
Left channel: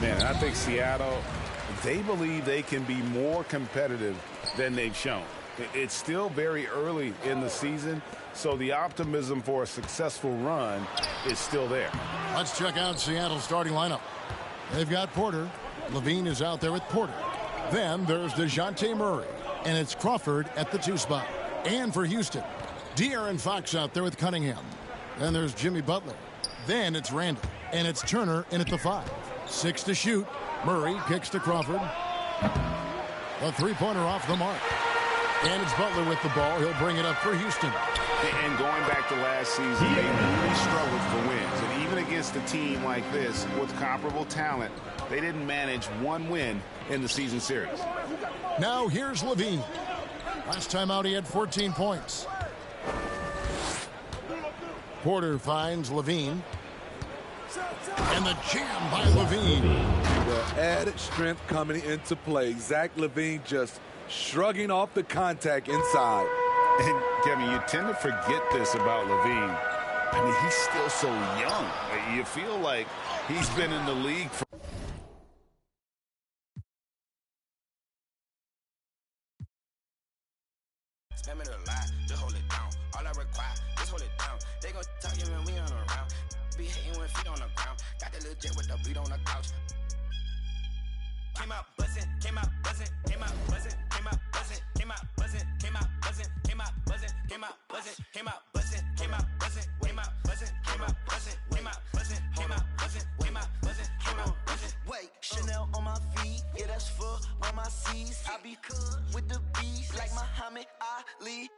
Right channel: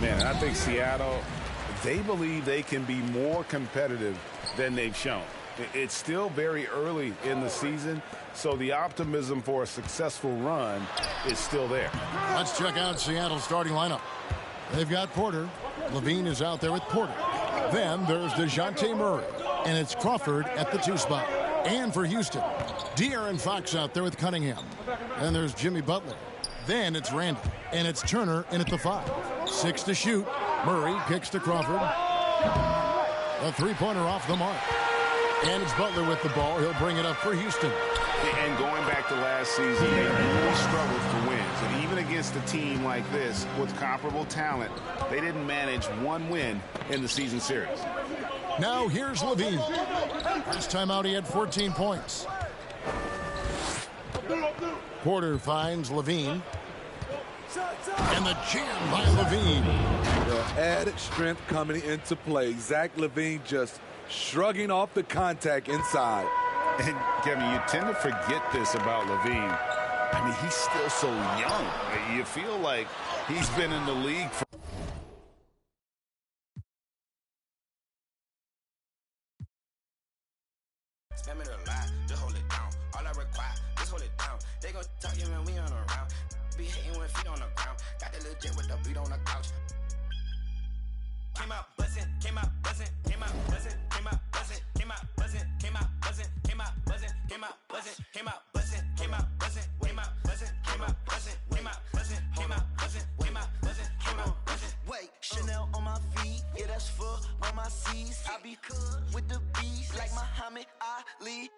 Man, I think Seattle, they believe they can be more competitive than they've shown. It's still very early in the season, so the optimism for a successful run is still there. Let's check out Seattle's starting lineup. They've got Porter. Levine is out there with Porter. Then there's DeJounte Murray, and it's Crawford at the 2 spot. And for Houston, De'Aaron Fox out there with Cunningham. Then there's Jimmy Butler. Then it's Randle, and it's Turner in at the 5. 6 to shoot. Murray kicks to Crawford. A three-pointer off the mark. And it's Butler with the ball. He'll bring it up for Houston. And going back to last season, they really struggled for wins. And even against a team like this with comparable talent, they didn't manage one win in the season series. Now here's Levine. Last time out, he had 14 points. Porter finds Levine. And the jam by Levine. The added strength coming into play. Zach LaVine just shrugging off the contact inside. And, Kevin, you tend to forget this about LaVine. I mean, he's still so young. You feel like he's been in the league for Spam it a lot, just hold it down. All I require, just hold it down. They gon' talk you when we on around. Be hating with feet on the ground. Got the little jet with the beat on the couch. Came out buzzing, came out buzzing, came out buzzing, came out buzzing, came out buzzing, came out buzzing, came out buzzing, came out buzzing, came out buzzing, came out buzzing, came out buzzing, came out buzzing, came out buzzing, came out buzzing, came out buzzing, came out buzzing. Wait, Chanel on my feet, yeah, that's for all my C's. I be cool with the bees like Muhammad Ali.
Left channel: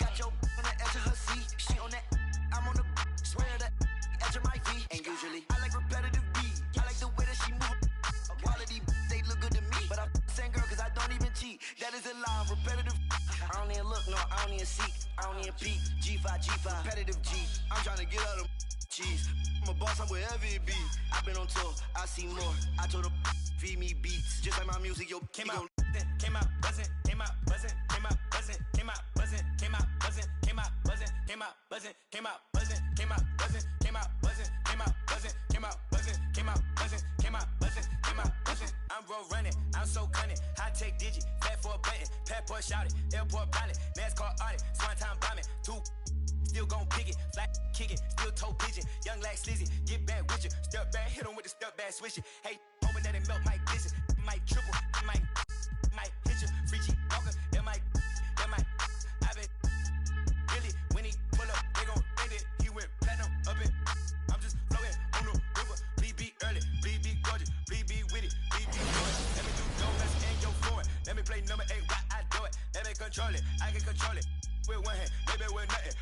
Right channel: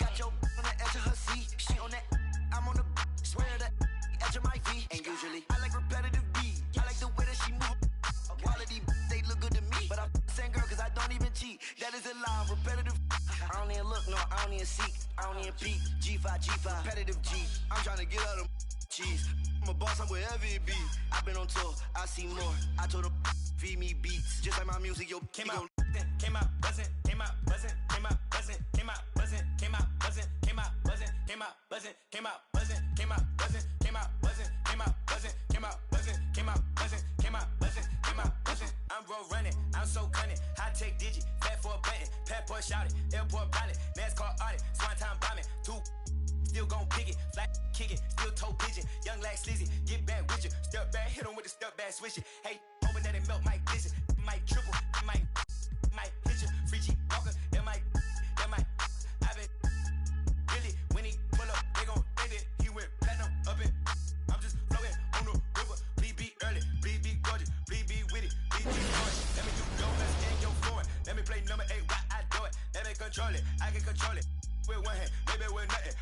Got your on the edge of her seat, she on that, I'm on the swear that edge of my V. And usually I like repetitive beats, I like the way that she move. Quality, they look good to me, but I'm saying girl cause I don't even cheat. That is a lie, repetitive. I don't even look, no, I don't even seek, I don't even peek. G5, repetitive G. I'm trying to get out of cheese. I'm a boss, I'm wherever it be. I've been on tour, I see more. I told her feed me beats, just like my music, yo. Came out buzzing, came out buzzing, came out buzzing, came out buzzing, came out buzzing, came out buzzing, came out buzzing, came out buzzing, came out buzzing, came out buzzing, came out buzzing, came out buzzing, came out buzzing, came out buzzing, came out buzzing, came out buzzing. I'm road running, I'm so cunning. High tech digit, fat for a button, passport shouted, airport pilot, NASCAR audit, swan time bombing, two. Still gon' pick it, flat kick it, still toe pigeon. Young like Slizzy, get back with you. Step back, hit him with the step back switch it. Hey, hoping that it melt, might dish it. Might triple, might hit you. Free G Walker, that might. I been really, when he pull up, they gon' think it. He went platinum up it. I'm just floating on the river. Bleed be early, bleed be gorgeous, bleed be witty, bleed be gorgeous. Let me do your best and your forward. Let me play number 8 while I do it. Let me control it, I can control it. With one hand, maybe with nothing.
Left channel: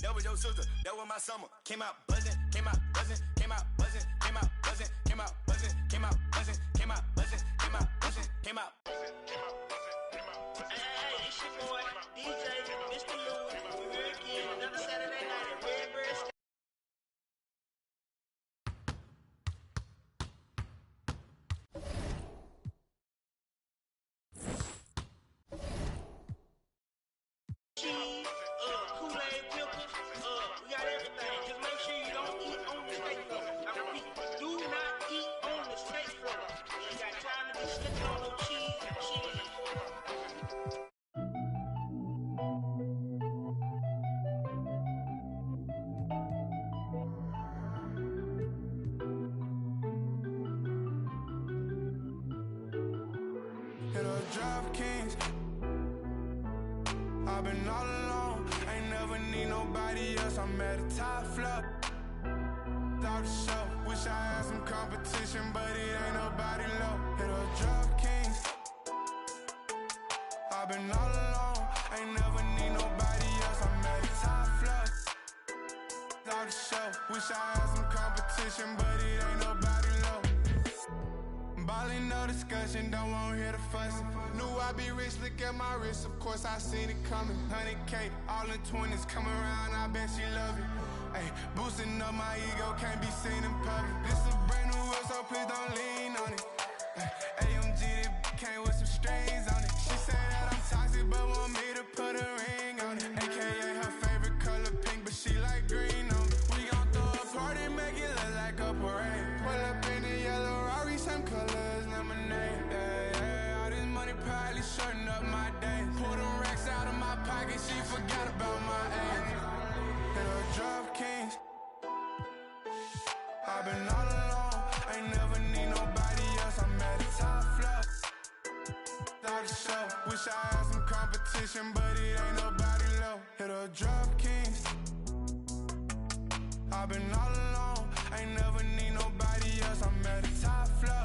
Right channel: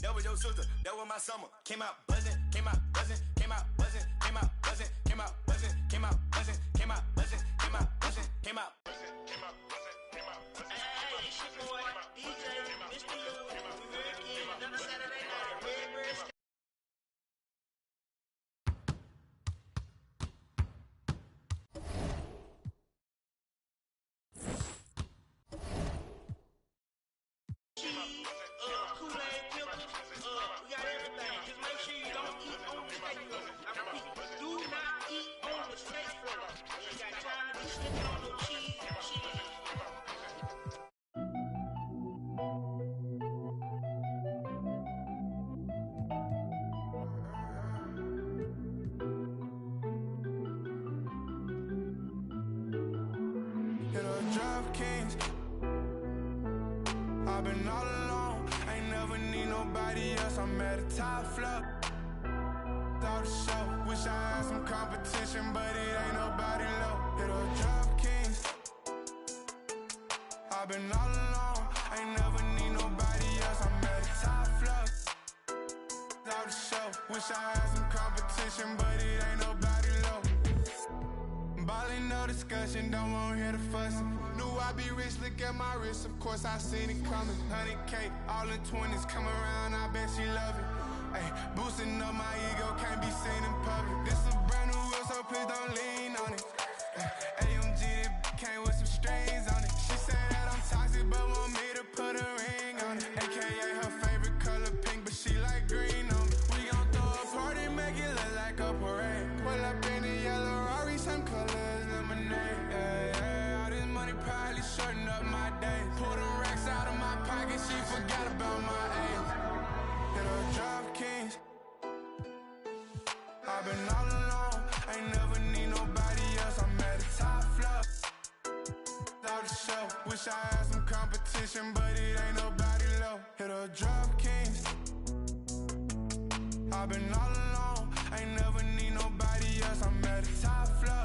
That was your sister, that was my summer. Came out buzzing, came out buzzing, came out buzzing, came out buzzing, came out buzzing, came out buzzing, came out buzzing, came out buzzing, came out buzzing, came out buzzing, came out buzzing. Hey, it's your boy, DJ, Mr. Lou. We here again, another Saturday night at Redbird State. Kool-Aid pickles, we got everything. Just make sure you don't eat on the steak floor. I repeat, do not eat on the steak floor. You ain't got time to be slipping on no cheese. Hit a DraftKings. I've been all alone, ain't never need nobody else. I'm at the top floor. Out the show, wish I had some competition, but it ain't nobody low. Hit a DraftKings. I've been all alone, ain't never need nobody else. I'm at the top floor. Out the show, wish I had some competition, but it ain't nobody low. Ballin', no discussion, don't want to hear the fussing. Knew I'd be rich, look at my wrist, of course I seen it coming. 100K, all in 20s, come around, I bet she love it. Ay, boosting up my ego, can't be seen in public. This a brand new wheel, so please don't lean on it. AMG, that came with some strings on it. She said that I'm toxic, but want me to put a ring on it. AKA her favorite color pink, but she like green on me. We gon' throw a party, make it look like a parade. Pull up in the yellow Rari, same color as lemonade. Yeah, all this money probably shorten up my days. Pull them racks out of my pocket, she forgot about my age. Hit a DraftKings. I've been all alone, ain't never need nobody else. I'm at the top floor. Out the show, wish I had some competition, but it ain't nobody low. Hit a DraftKings. I've been all alone, ain't never need nobody else. I'm at the top floor.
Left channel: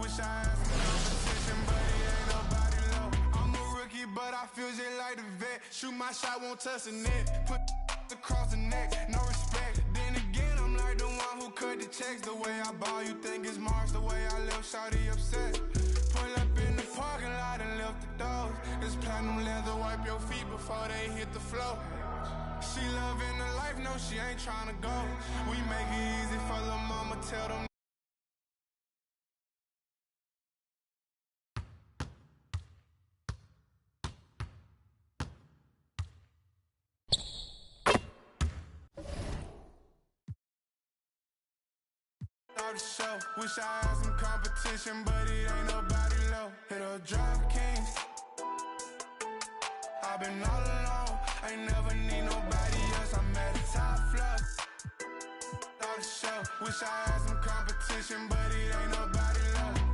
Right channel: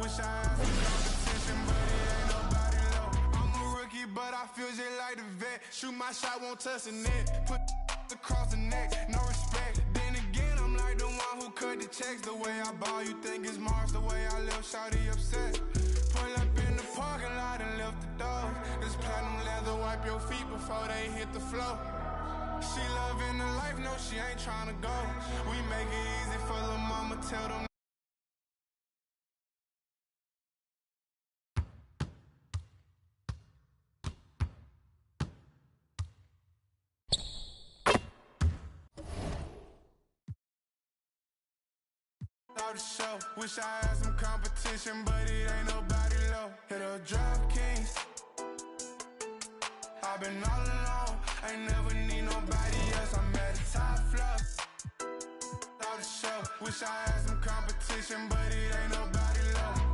Wish I had some competition, but it ain't nobody low. I'm a rookie, but I feel just like the vet. Shoot my shot, won't touch the net. Put across the neck, no respect. Then again, I'm like the one who cut the checks. The way I ball, you think it's Mars. The way I live, shawty upset. Pull up in the parking lot and lift the doors. This platinum leather, wipe your feet before they hit the floor. She loving the life, no, she ain't tryna go. We make it easy for the mama, tell them. Off the show, wish I had some competition, but it ain't nobody low. Hit a DraftKings. I've been all alone, ain't never need nobody else. I'm at the top floor. Off the show, wish I had some competition, but it ain't nobody low.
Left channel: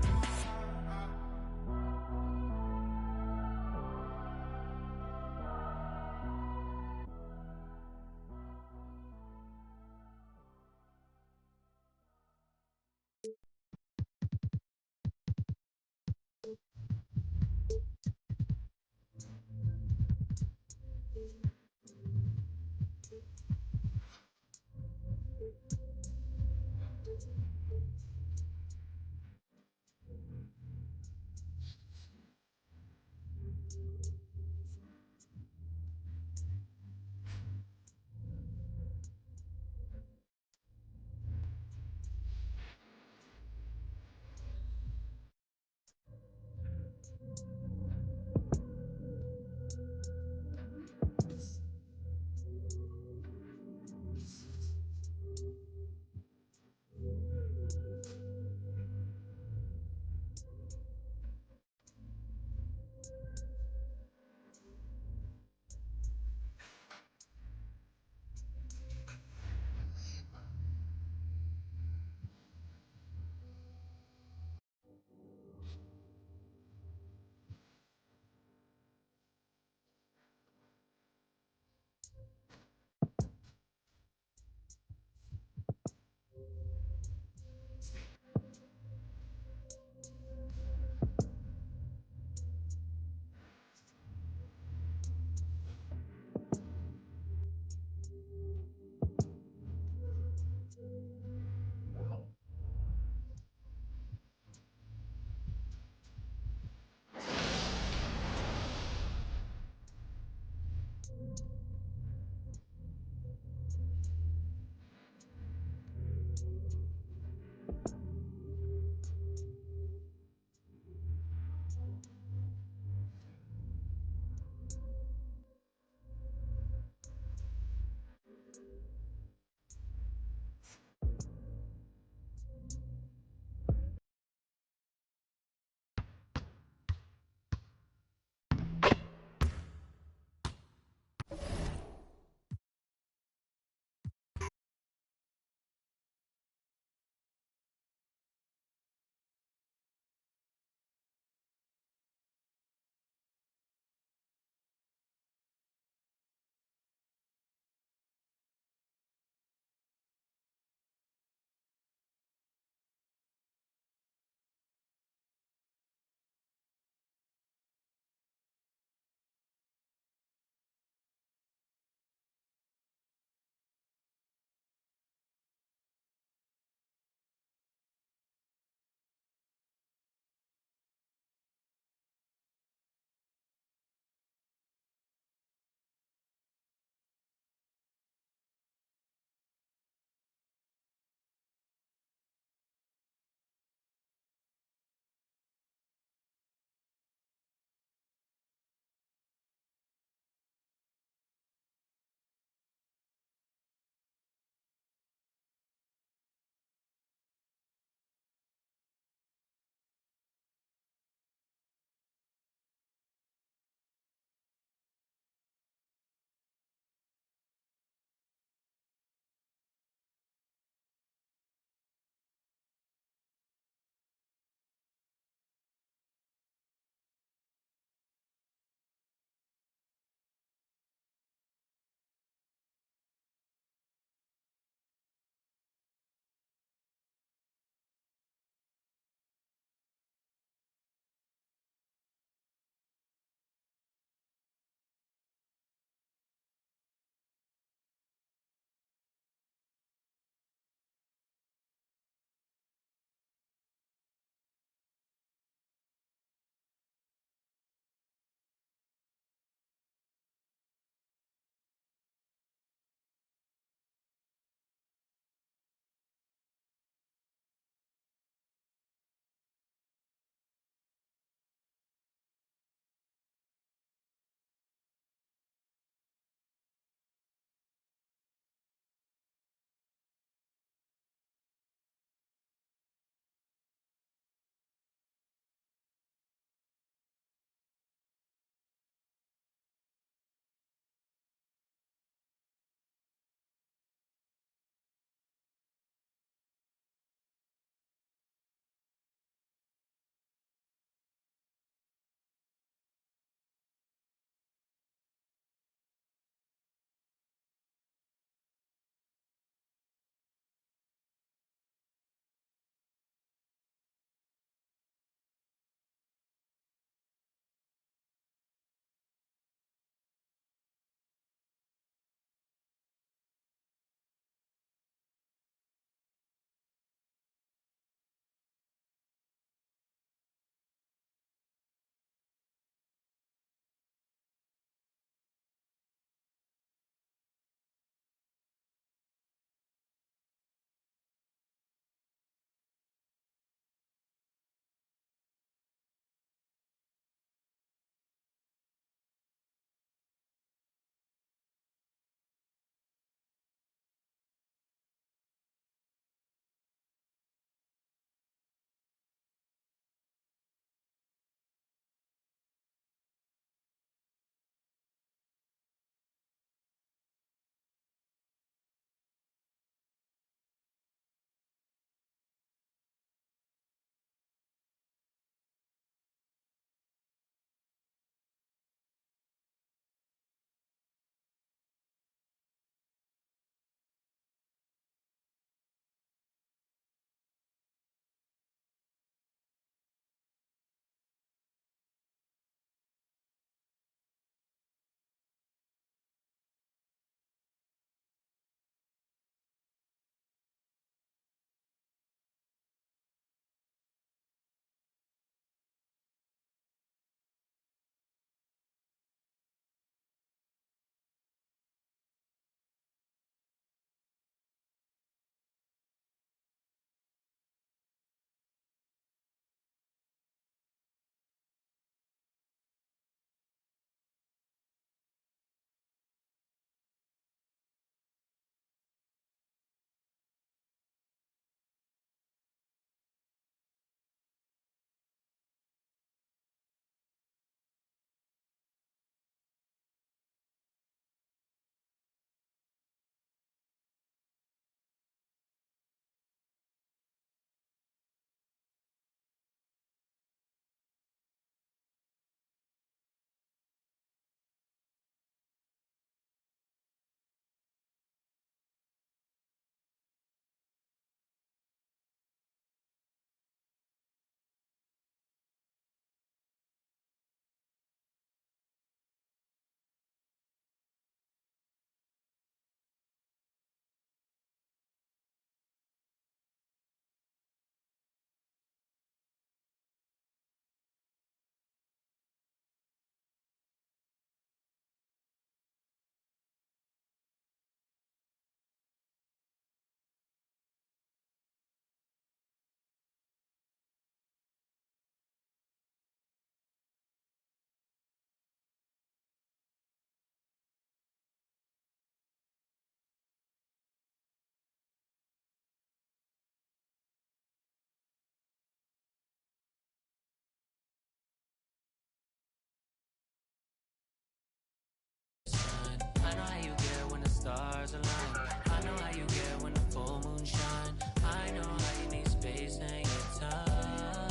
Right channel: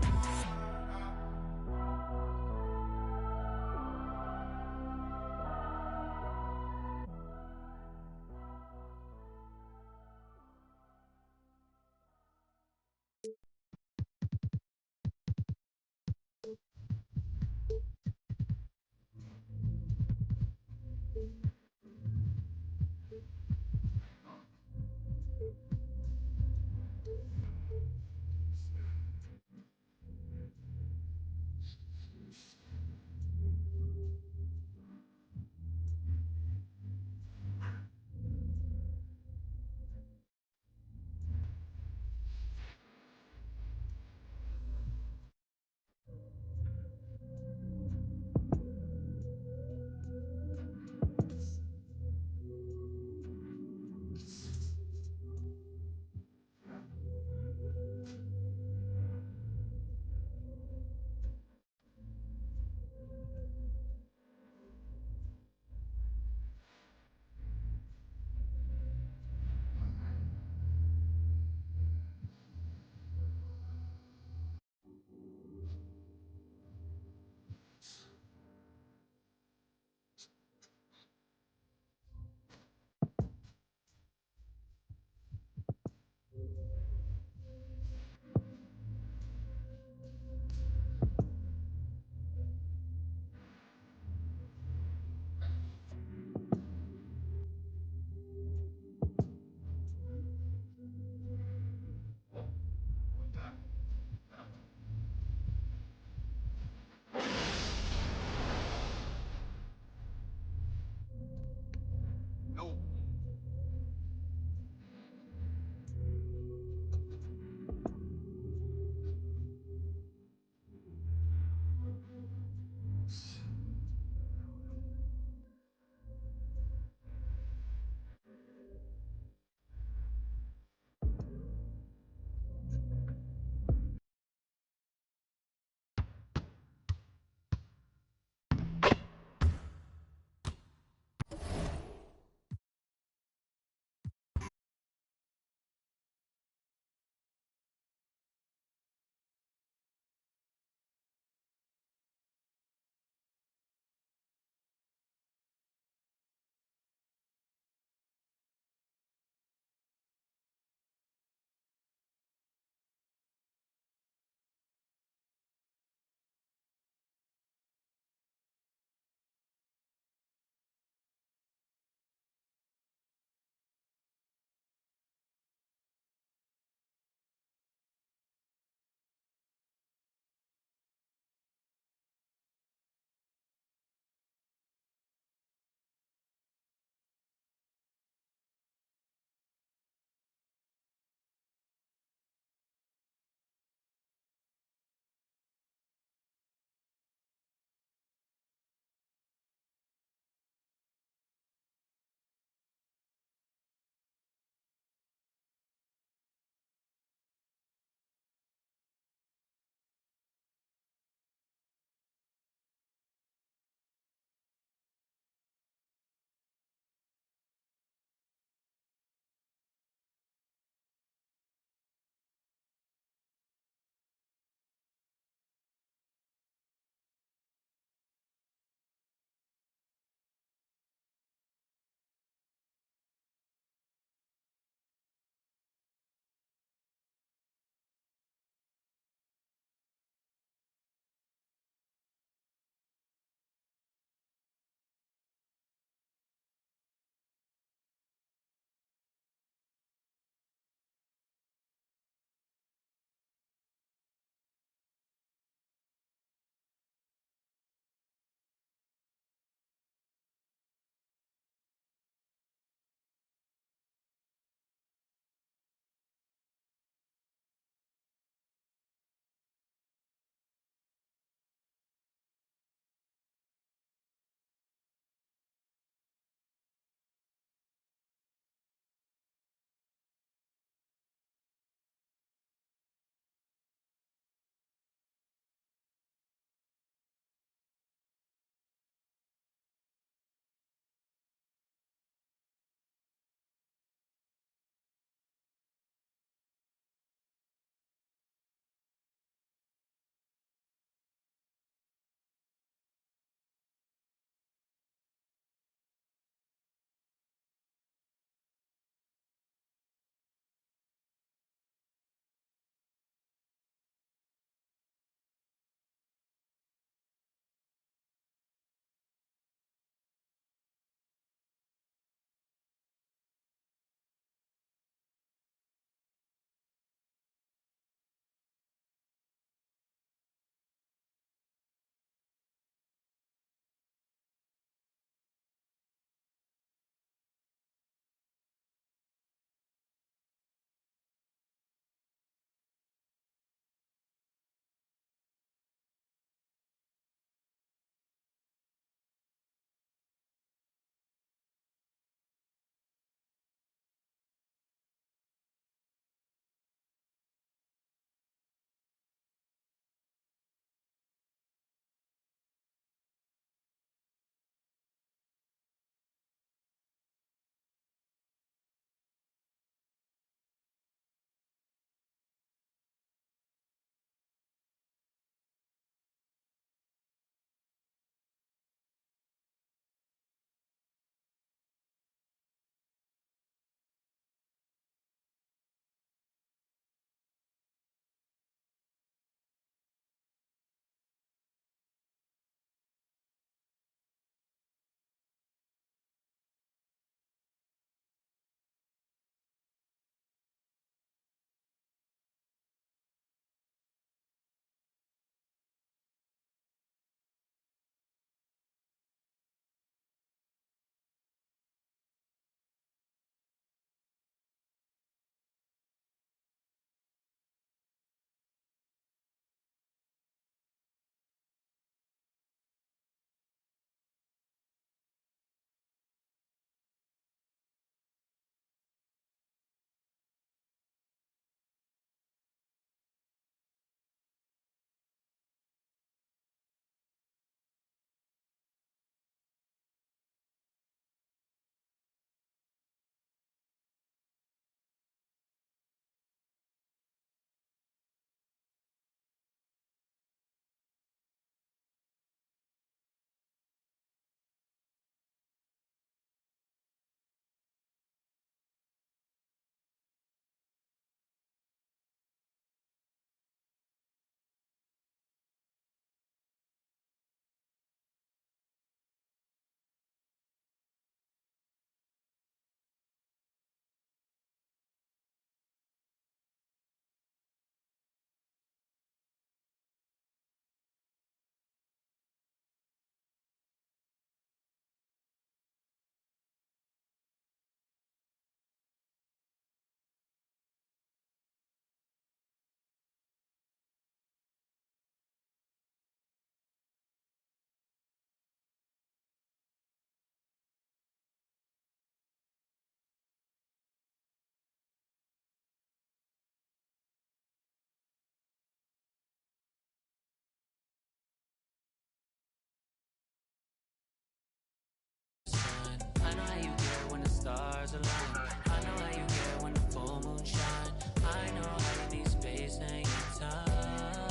stars align. I know how you get when the full moon shine. I know how you need space and your time.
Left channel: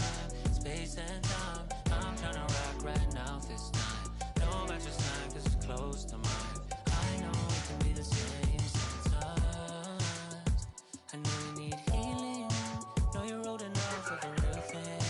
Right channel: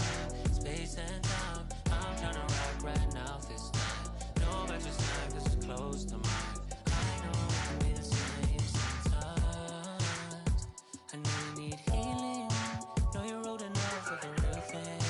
Space and time. I'm trying to rock right now this time. No better time, this is close to mine. I know it can be the same sometimes. I know you need healing. Know you're old enough for the real thing.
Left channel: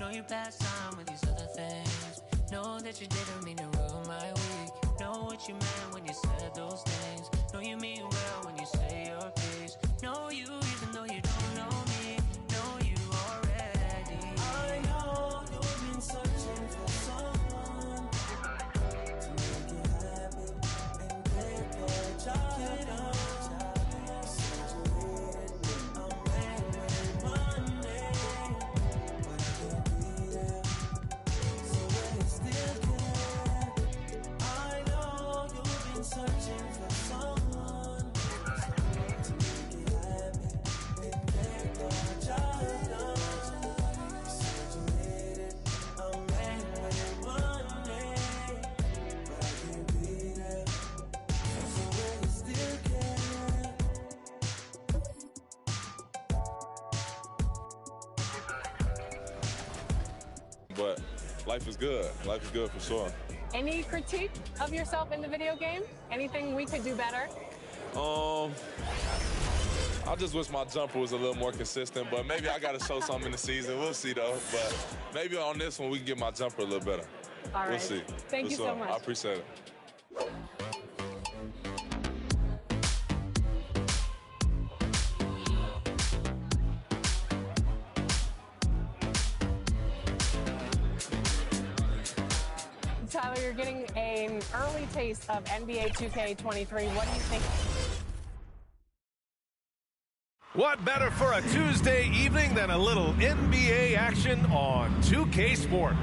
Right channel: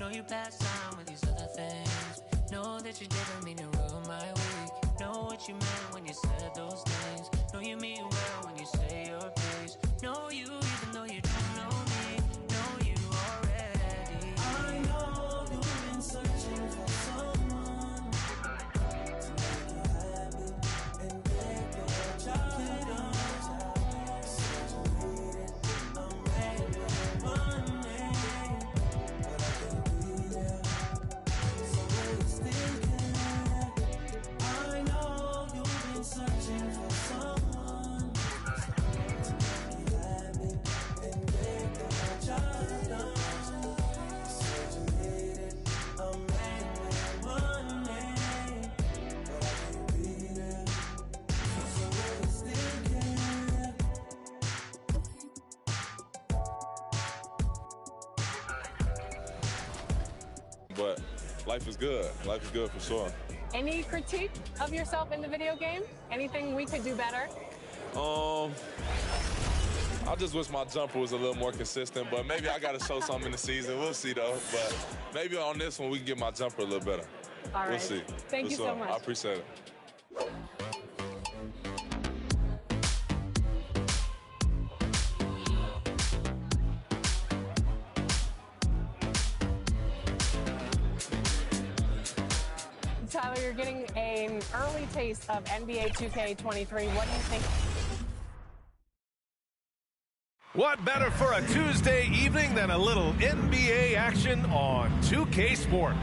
Know you passed time with these other things. Know that you didn't mean to ruin my week. Know what you meant when you said those things. Know you mean well when you say your piece. Know you even though you don't know me. Know you already. I know you've been searching for someone to make you happy and get the job done. Said you needed a man with money, but I can't be there. So will you still care? I know you've been searching for someone to make you happy and get the job done. Said you needed a man with money, but I can't be there. So will you still care? But life is good. Life is good for sure. Any critique of yourself in the video game? Anything we could do better? I just wish my jumper was a little more consistent, but maybe I got to show something in the season. We'll see, though. But maybe on this one, we can get my jumper a little better. All right. We'll see. Thank you so much. I appreciate it. Tyler, you're getting an early taste of NBA 2K23. What do you think? What better for a Tuesday evening than a little NBA action on 2K Sport?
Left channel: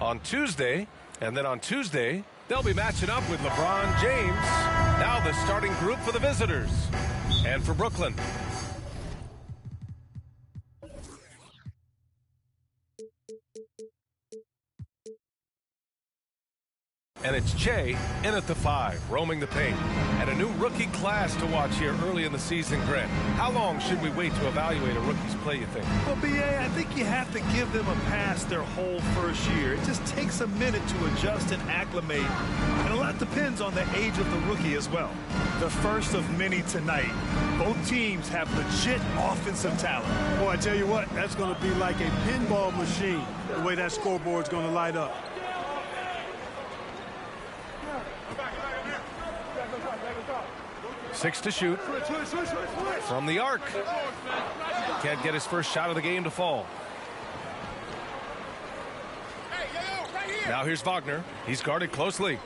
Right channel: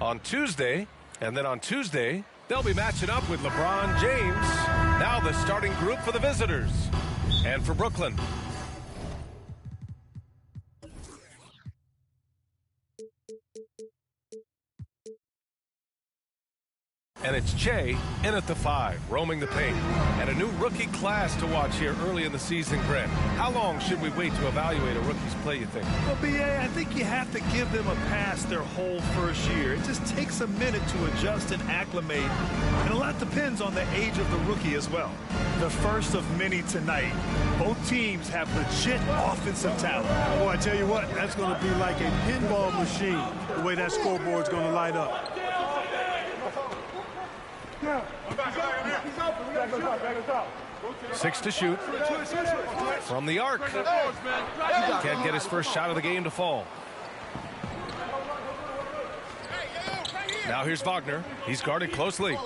On Tuesday, and then on Tuesday, they'll be matching up with LeBron James. Now the starting group for the visitors. And for Brooklyn. And it's Che in at the 5, roaming the paint. And a new rookie class to watch here early in the season, Grant. How long should we wait to evaluate a rookie's play, you think? Well, B.A., I think you have to give them a pass their whole first year. It just takes a minute to adjust and acclimate. And a lot depends on the age of the rookie as well. The first of many tonight. Both teams have legit offensive talent. Boy, I tell you what, that's going to be like a pinball machine, the way that scoreboard's going to light up. 6 to shoot. From the arc. Can't get his first shot of the game to fall. Now here's Wagner. He's guarded closely.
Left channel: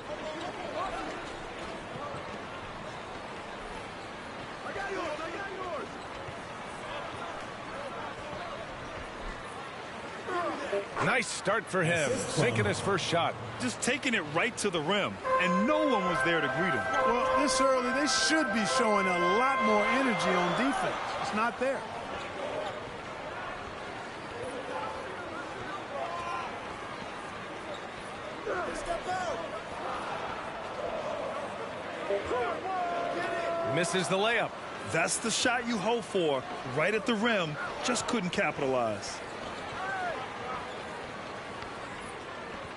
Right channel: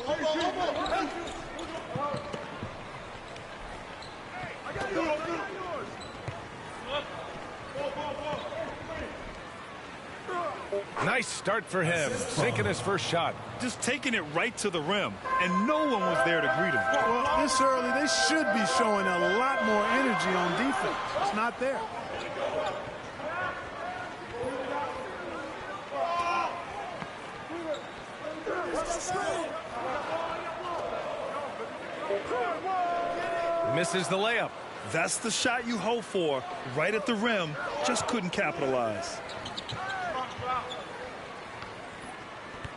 Nice start for him, sinking his first shot. Just taking it right to the rim, and no one was there to greet him. Well, this early, they should be showing a lot more energy on defense. It's not there. Misses the layup. That's the shot you hope for, right at the rim. Just couldn't capitalize.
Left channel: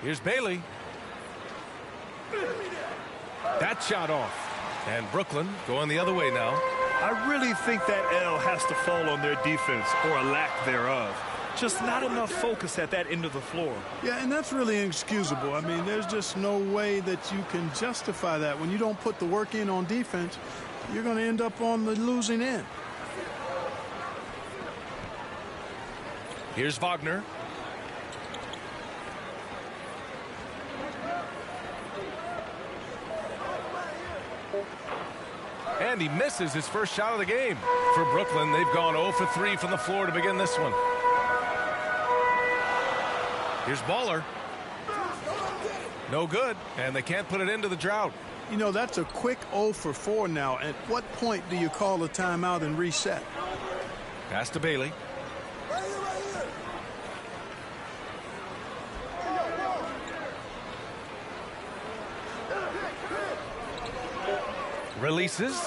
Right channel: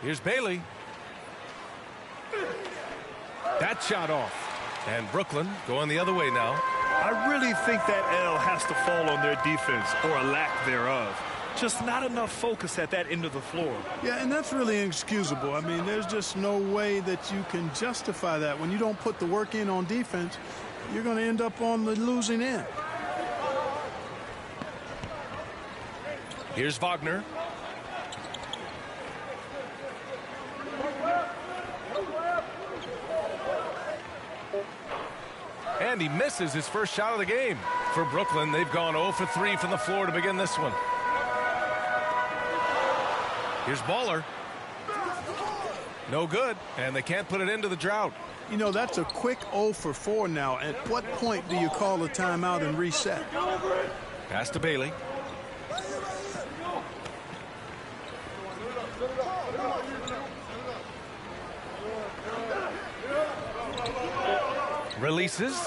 Here's Bailey. That shot off. And Brooklyn going the other way now. I really think that L has to fall on their defense, or a lack thereof. Just not enough focus at that end of the floor. Yeah, and that's really inexcusable. I mean, there's just no way that you can justify that. When you don't put the work in on defense, you're going to end up on the losing end. Here's Wagner. And he misses his first shot of the game. For Brooklyn, they've gone 0 for 3 from the floor to begin this one. Here's Baller. No good, and they can't put it into the drought. You know, that's a quick 0 for 4 now. At what point do you call a timeout and reset? Pass to Bailey. Releases,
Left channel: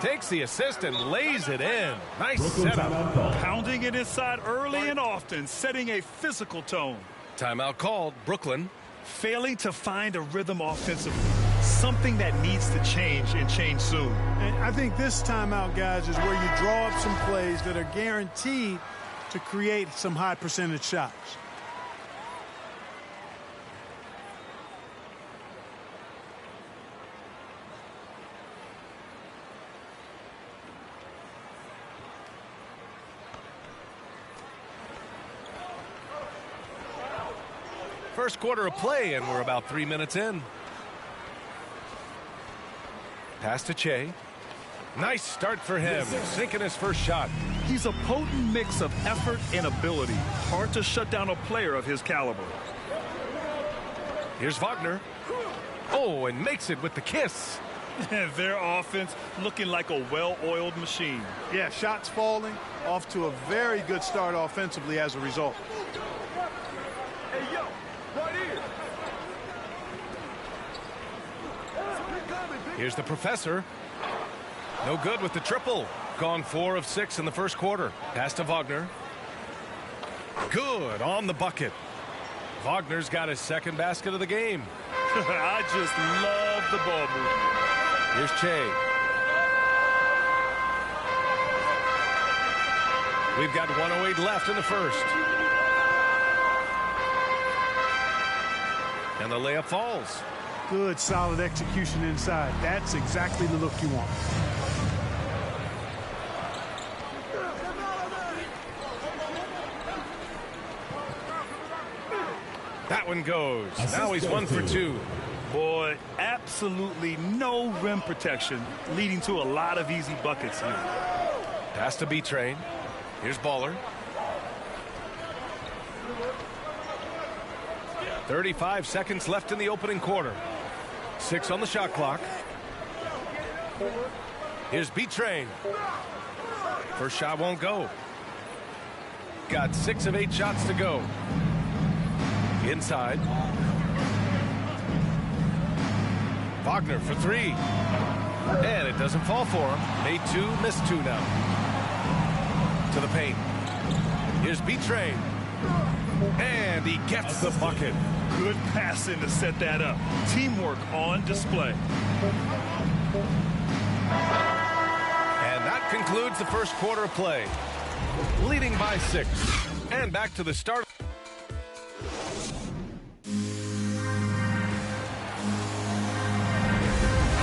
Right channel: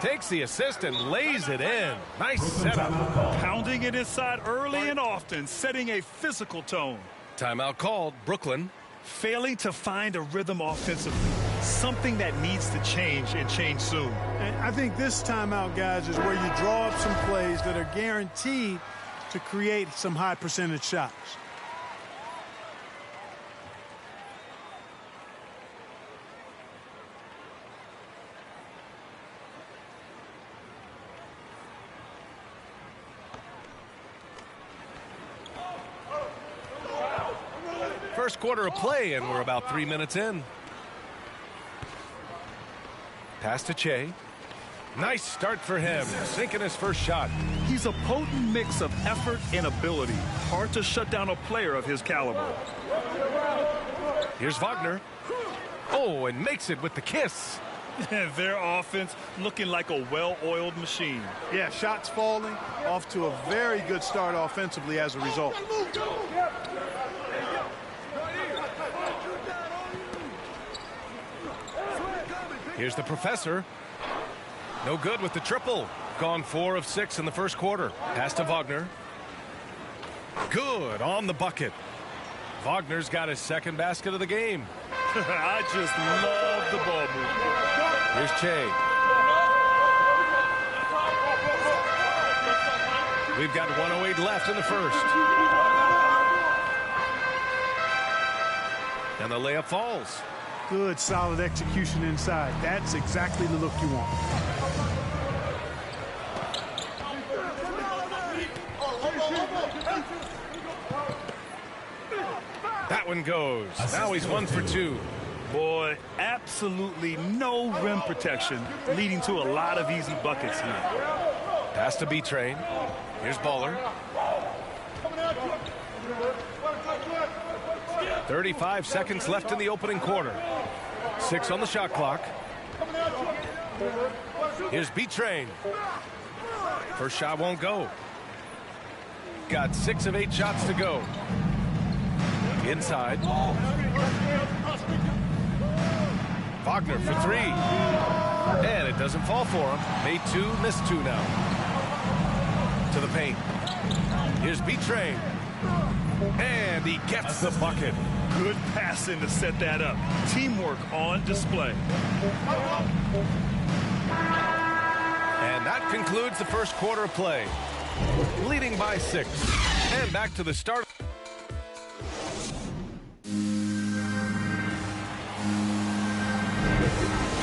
takes the assist and lays it in. Nice setup. Pounding it inside early and often, setting a physical tone. Timeout called, Brooklyn. Failing to find a rhythm offensively. Something that needs to change and change soon. And I think this timeout, guys, is where you draw up some plays that are guaranteed to create some high percentage shots. First quarter of play, and we're about 3 minutes in. Pass to Che. Nice start for him, sinking his first shot. He's a potent mix of effort and ability. Hard to shut down a player of his caliber. Here's Wagner. Oh, and makes it with the kiss. Their offense looking like a well-oiled machine. Yeah, shots falling, off to a very good start offensively as a result. Here's the professor. No good with the triple. Gone 4 of 6 in the first quarter. Pass to Wagner. Good on the bucket. Wagner's got his second basket of the game. I just love the ball movement. Here's Che. We've got 1:08 left in the first. And the layup falls. Good, solid execution inside. That's exactly the look you want. That one goes. Now he's 1 for 2. Boy, absolutely no rim protection, leading to a lot of easy buckets here. Pass to B-Train. Here's Baller. 35 seconds left in the opening quarter. 6 on the shot clock. Here's B-Train. First shot won't go. Got 6 of 8 shots to go. Inside. Wagner for 3. And it doesn't fall for him. Made 2, missed 2 now. To the paint. Here's B-Train. And he gets the bucket. Good passing to set that up. Teamwork on display. And that concludes the first quarter of play. Leading by 6. And back to the start.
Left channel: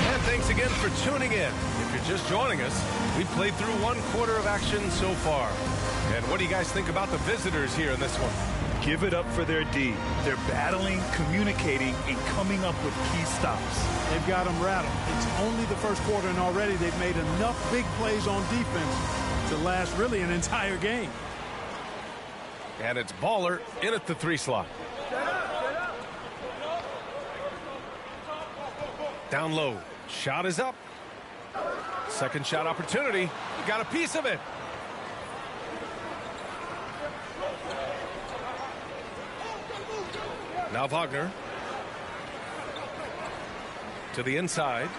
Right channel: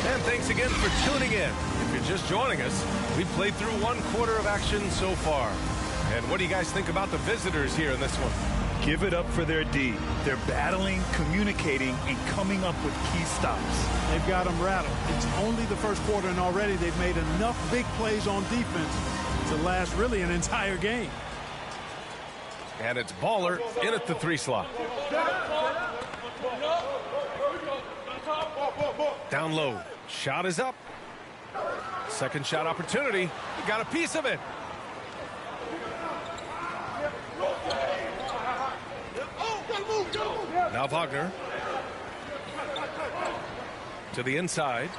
And thanks again for tuning in. If you're just joining us, we've played through 1 quarter of action so far. And what do you guys think about the visitors here in this one? Give it up for their D. They're battling, communicating, and coming up with key stops. They've got them rattled. It's only the first quarter, and already they've made enough big plays on defense to last really an entire game. And it's Baller in at the 3 slot. Down low. Shot is up. Second shot opportunity. He got a piece of it. Now Wagner. To the inside.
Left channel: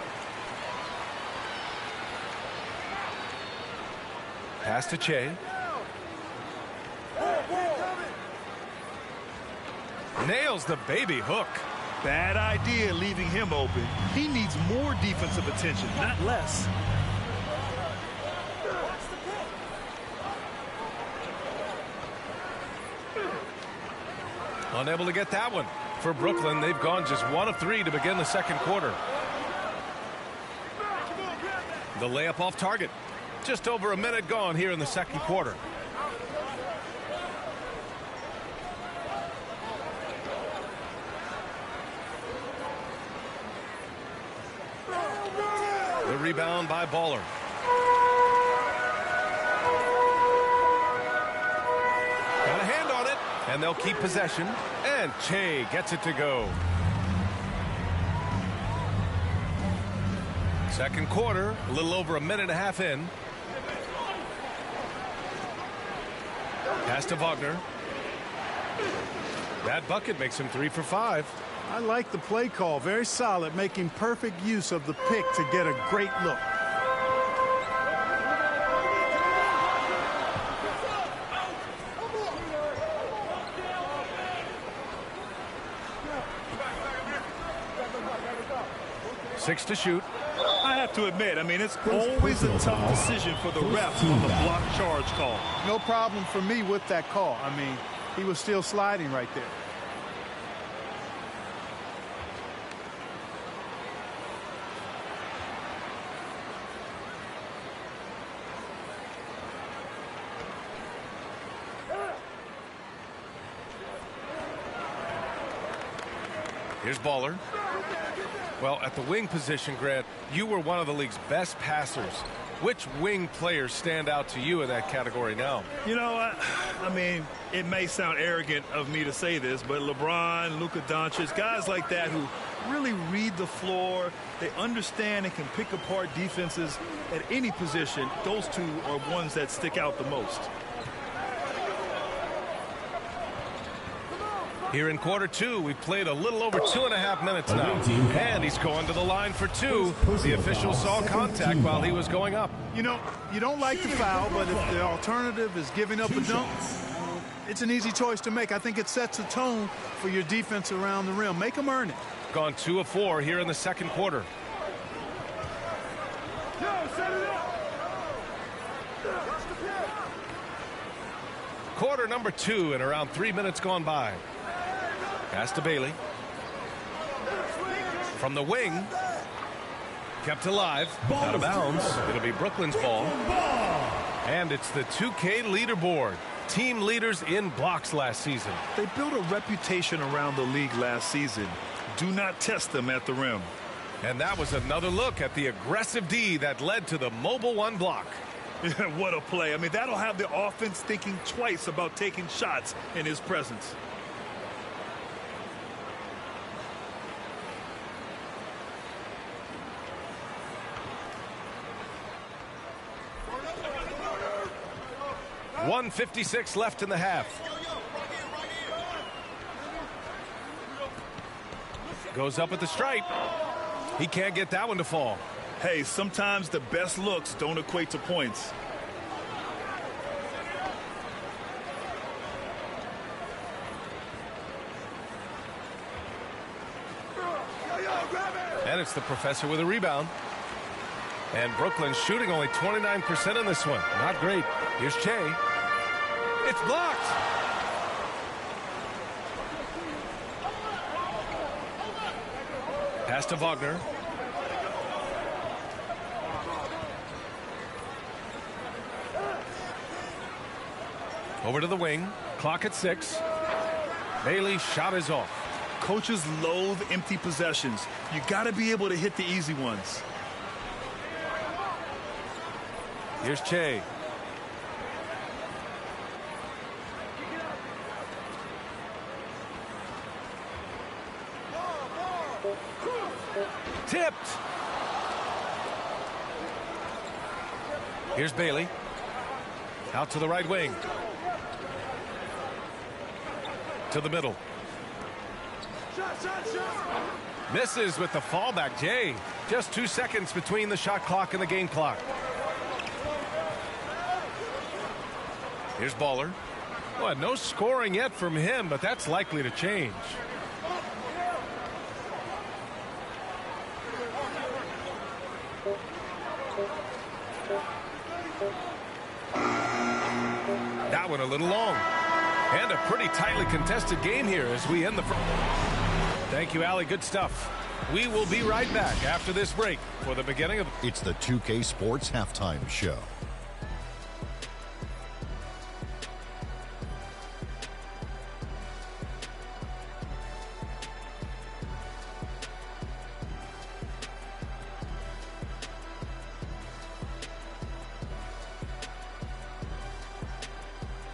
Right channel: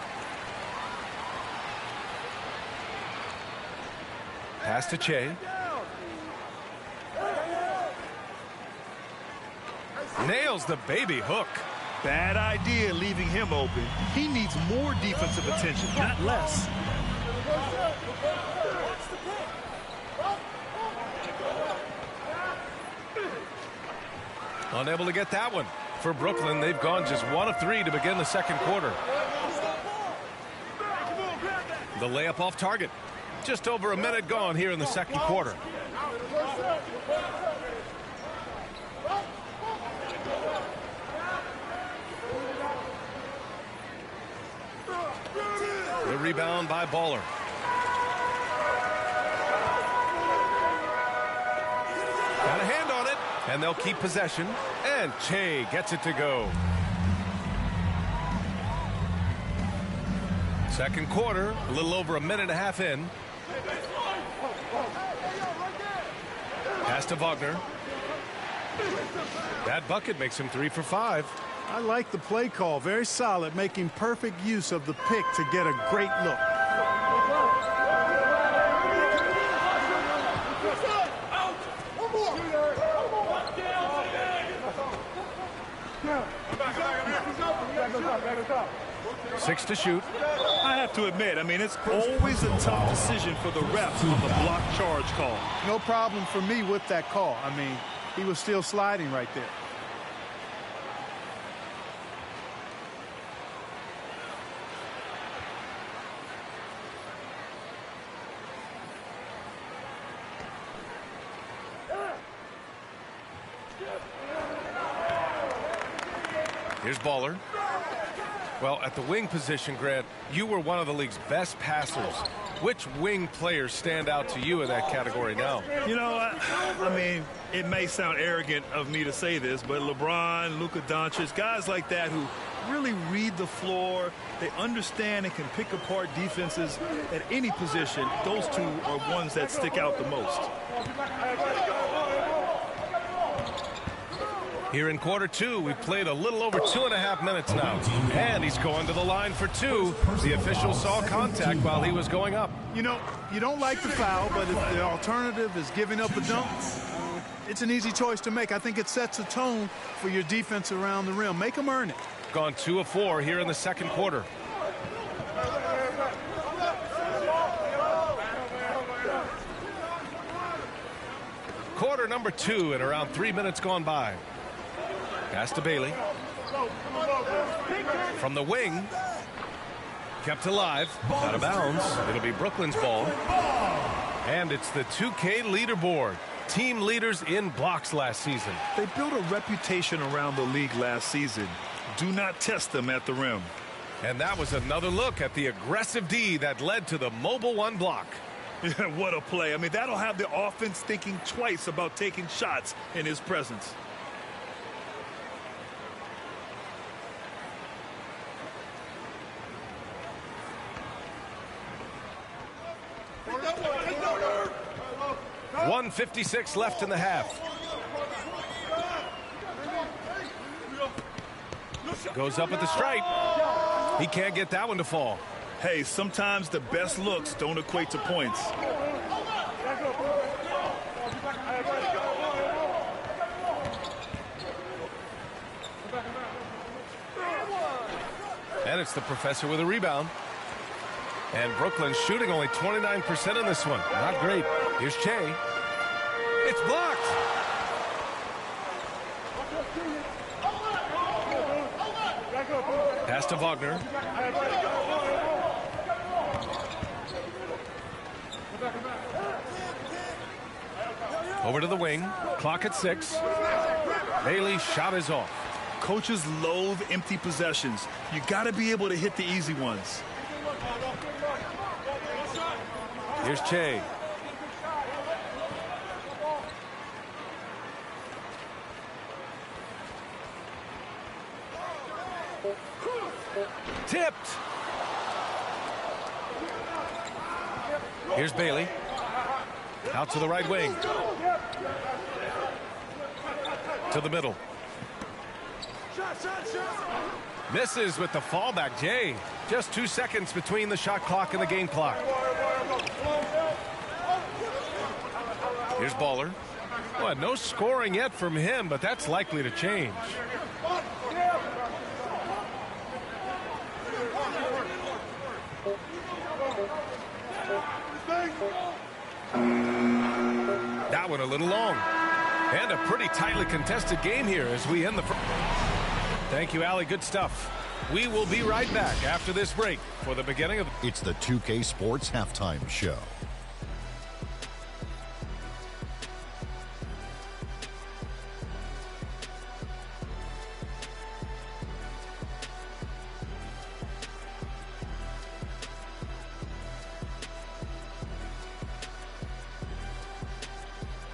Pass to Che. Nails the baby hook. Bad idea leaving him open. He needs more defensive attention, not less. Unable to get that one. For Brooklyn, they've gone just 1 of 3 to begin the second quarter. The layup off target. Just over a minute gone here in the second quarter. The rebound by Baller. Got a hand on it, and they'll keep possession. And Che gets it to go. Second quarter, a little over a minute and a half in. Pass to Wagner. That bucket makes him 3 for 5. I like the play call. Very solid, making perfect use of the pick to get a great look. Six to shoot. I have to admit, I mean, it's always a tough decision for the ref on the block charge call. No problem for me with that call. I mean, he was still sliding right there. Here's Baller. Well, at the wing position, Grant, you were one of the league's best passers. Which wing players stand out to you in that category now? You know, I mean, it may sound arrogant of me to say this, but LeBron, Luka Doncic, guys like that who really read the floor, they understand and can pick apart defenses at any position, those two are ones that stick out the most. Here in quarter two, we've played a little over 2.5 minutes now. And he's going to the line for two. The official saw contact while he was going up. You know, you don't like the foul, but if the alternative is giving up a dunk, it's an easy choice to make. I think it sets a tone for your defense around the rim. Make them earn it. Gone 2 of 4 here in the second quarter. Quarter number 2 and around 3 minutes gone by. Pass to Bailey. From the wing. Kept alive. Out of bounds. It'll be Brooklyn's ball. And it's the 2K leaderboard. Team leaders in blocks last season. They built a reputation around the league last season. Do not test them at the rim. And that was another look at the aggressive D that led to the Mobile One block. What a play. I mean, that'll have the offense thinking twice about taking shots in his presence. .156 left in the half. Goes up at the stripe. He can't get that one to fall. Hey, sometimes the best looks don't equate to points. And it's the professor with a rebound. And Brooklyn's shooting only 29% in this one. Not great. Here's Che. It's blocked. Pass to Wagner. Over to the wing. Clock at 6. Bailey's shot is off. Coaches loathe empty possessions. You got to be able to hit the easy ones. Here's Che. Tipped. Here's Bailey. Out to the right wing. To the middle. Misses with the fallback. Jay. Just 2 seconds between the shot clock and the game clock. Here's Baller. Well, no scoring yet from him, but that's likely to change. That one a little long. And a pretty tightly contested game here as we end the first. Thank you, Allie. Good stuff. We will be right back after this break for the beginning of... It's the 2K Sports Halftime Show.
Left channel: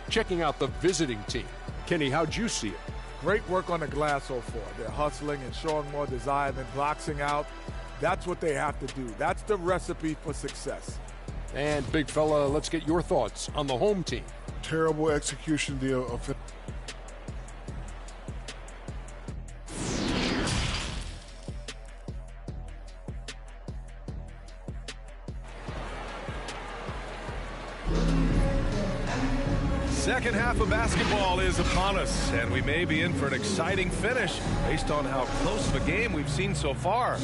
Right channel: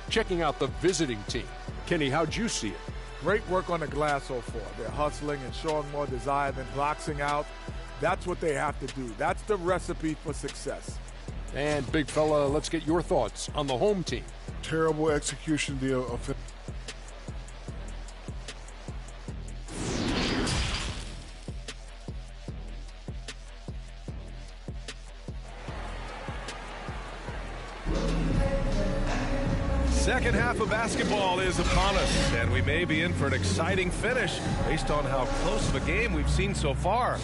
Checking out the visiting team. Kenny, how'd you see it? Great work on the glass so far. They're hustling and showing more desire than boxing out. That's what they have to do. That's the recipe for success. And, big fella, let's get your thoughts on the home team. Terrible execution. Second half of basketball is upon us, and we may be in for an exciting finish based on how close of a game we've seen so far.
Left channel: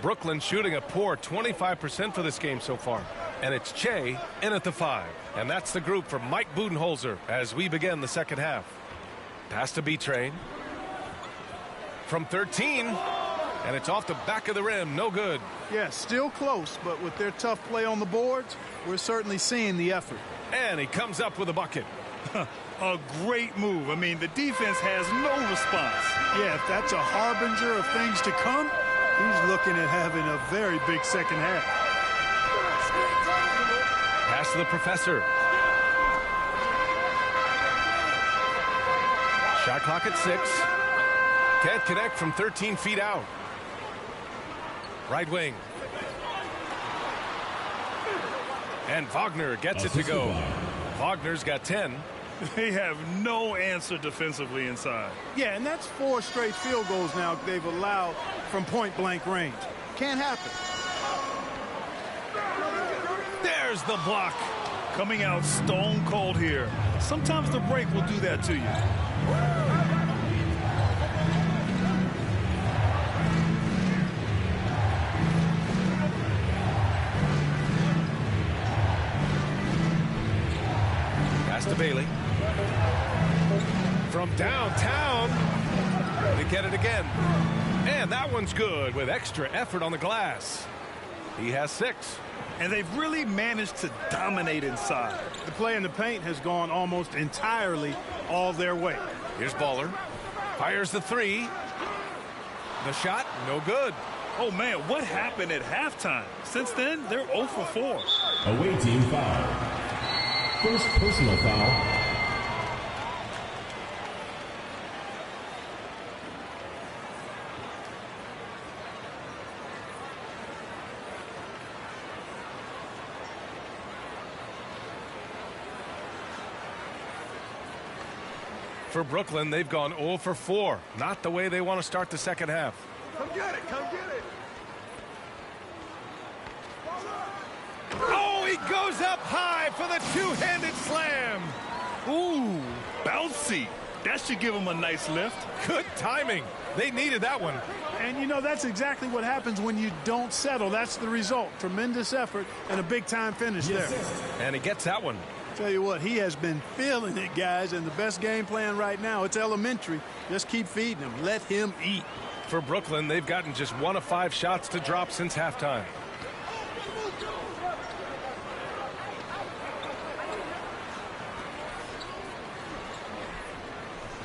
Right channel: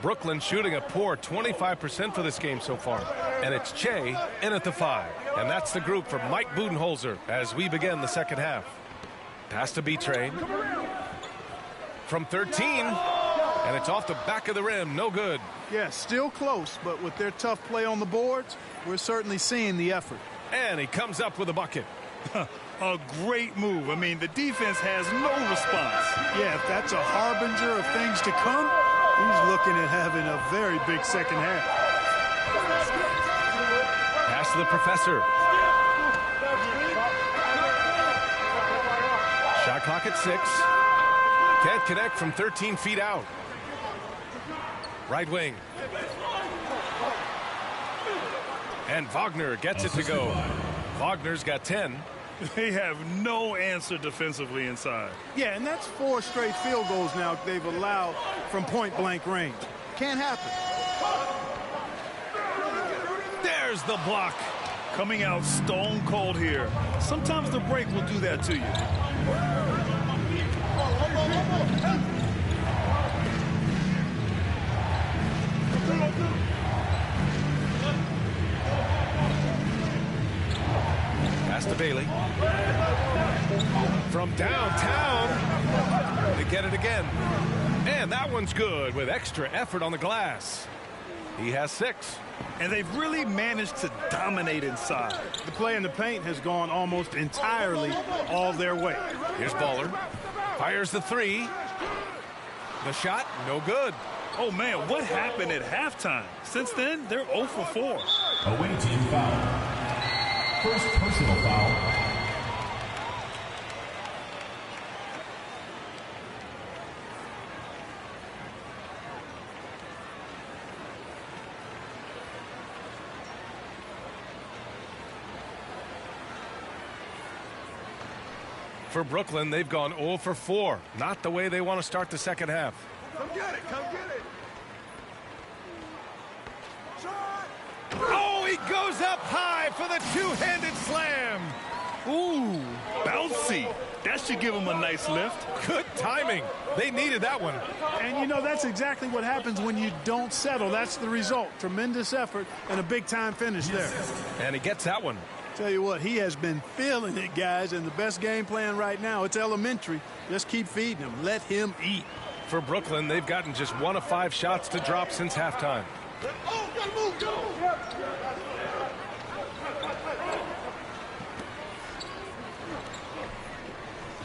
Brooklyn shooting a poor 25% for this game so far. And it's Che in at the 5. And that's the group for Mike Budenholzer as we begin the second half. Pass to B-Train. From 13. And it's off the back of the rim. No good. Yeah, still close, but with their tough play on the boards, we're certainly seeing the effort. And he comes up with a bucket. A great move. I mean, the defense has no response. Yeah, if that's a harbinger of things to come, he's looking at having a very big second half. Pass to the professor. Shot clock at 6. Can't connect from 13 feet out. Right wing. And Wagner gets it to go. Wagner's got 10. They have no answer defensively inside. Yeah, and that's 4 straight field goals now they've allowed from point-blank range. Can't happen. There's the block. Coming out stone cold here. Sometimes the break will do that to you. Pass to Bailey. From downtown, they get it again. And that one's good with extra effort on the glass. He has 6. And they've really managed to dominate inside. The play in the paint has gone almost entirely all their way. Here's Baller. Fires the 3. The shot, no good. Oh, man, what happened at halftime? Since then, they're 0 for 4. Away team foul. First personal foul. For Brooklyn, they've gone 0 for 4. Not the way they want to start the second half. Come get it, come get it. Oh, he goes up high for the two-handed slam. Ooh, bouncy. That should give him a nice lift. Good timing. They needed that one. And, you know, that's exactly what happens when you don't settle. That's the result. Tremendous effort and a big-time finish there. And he gets that one. Tell you what, he has been feeling it, guys, and the best game plan right now, it's elementary. Just keep feeding him. Let him eat. For Brooklyn, they've gotten just 1 of 5 shots to drop since halftime.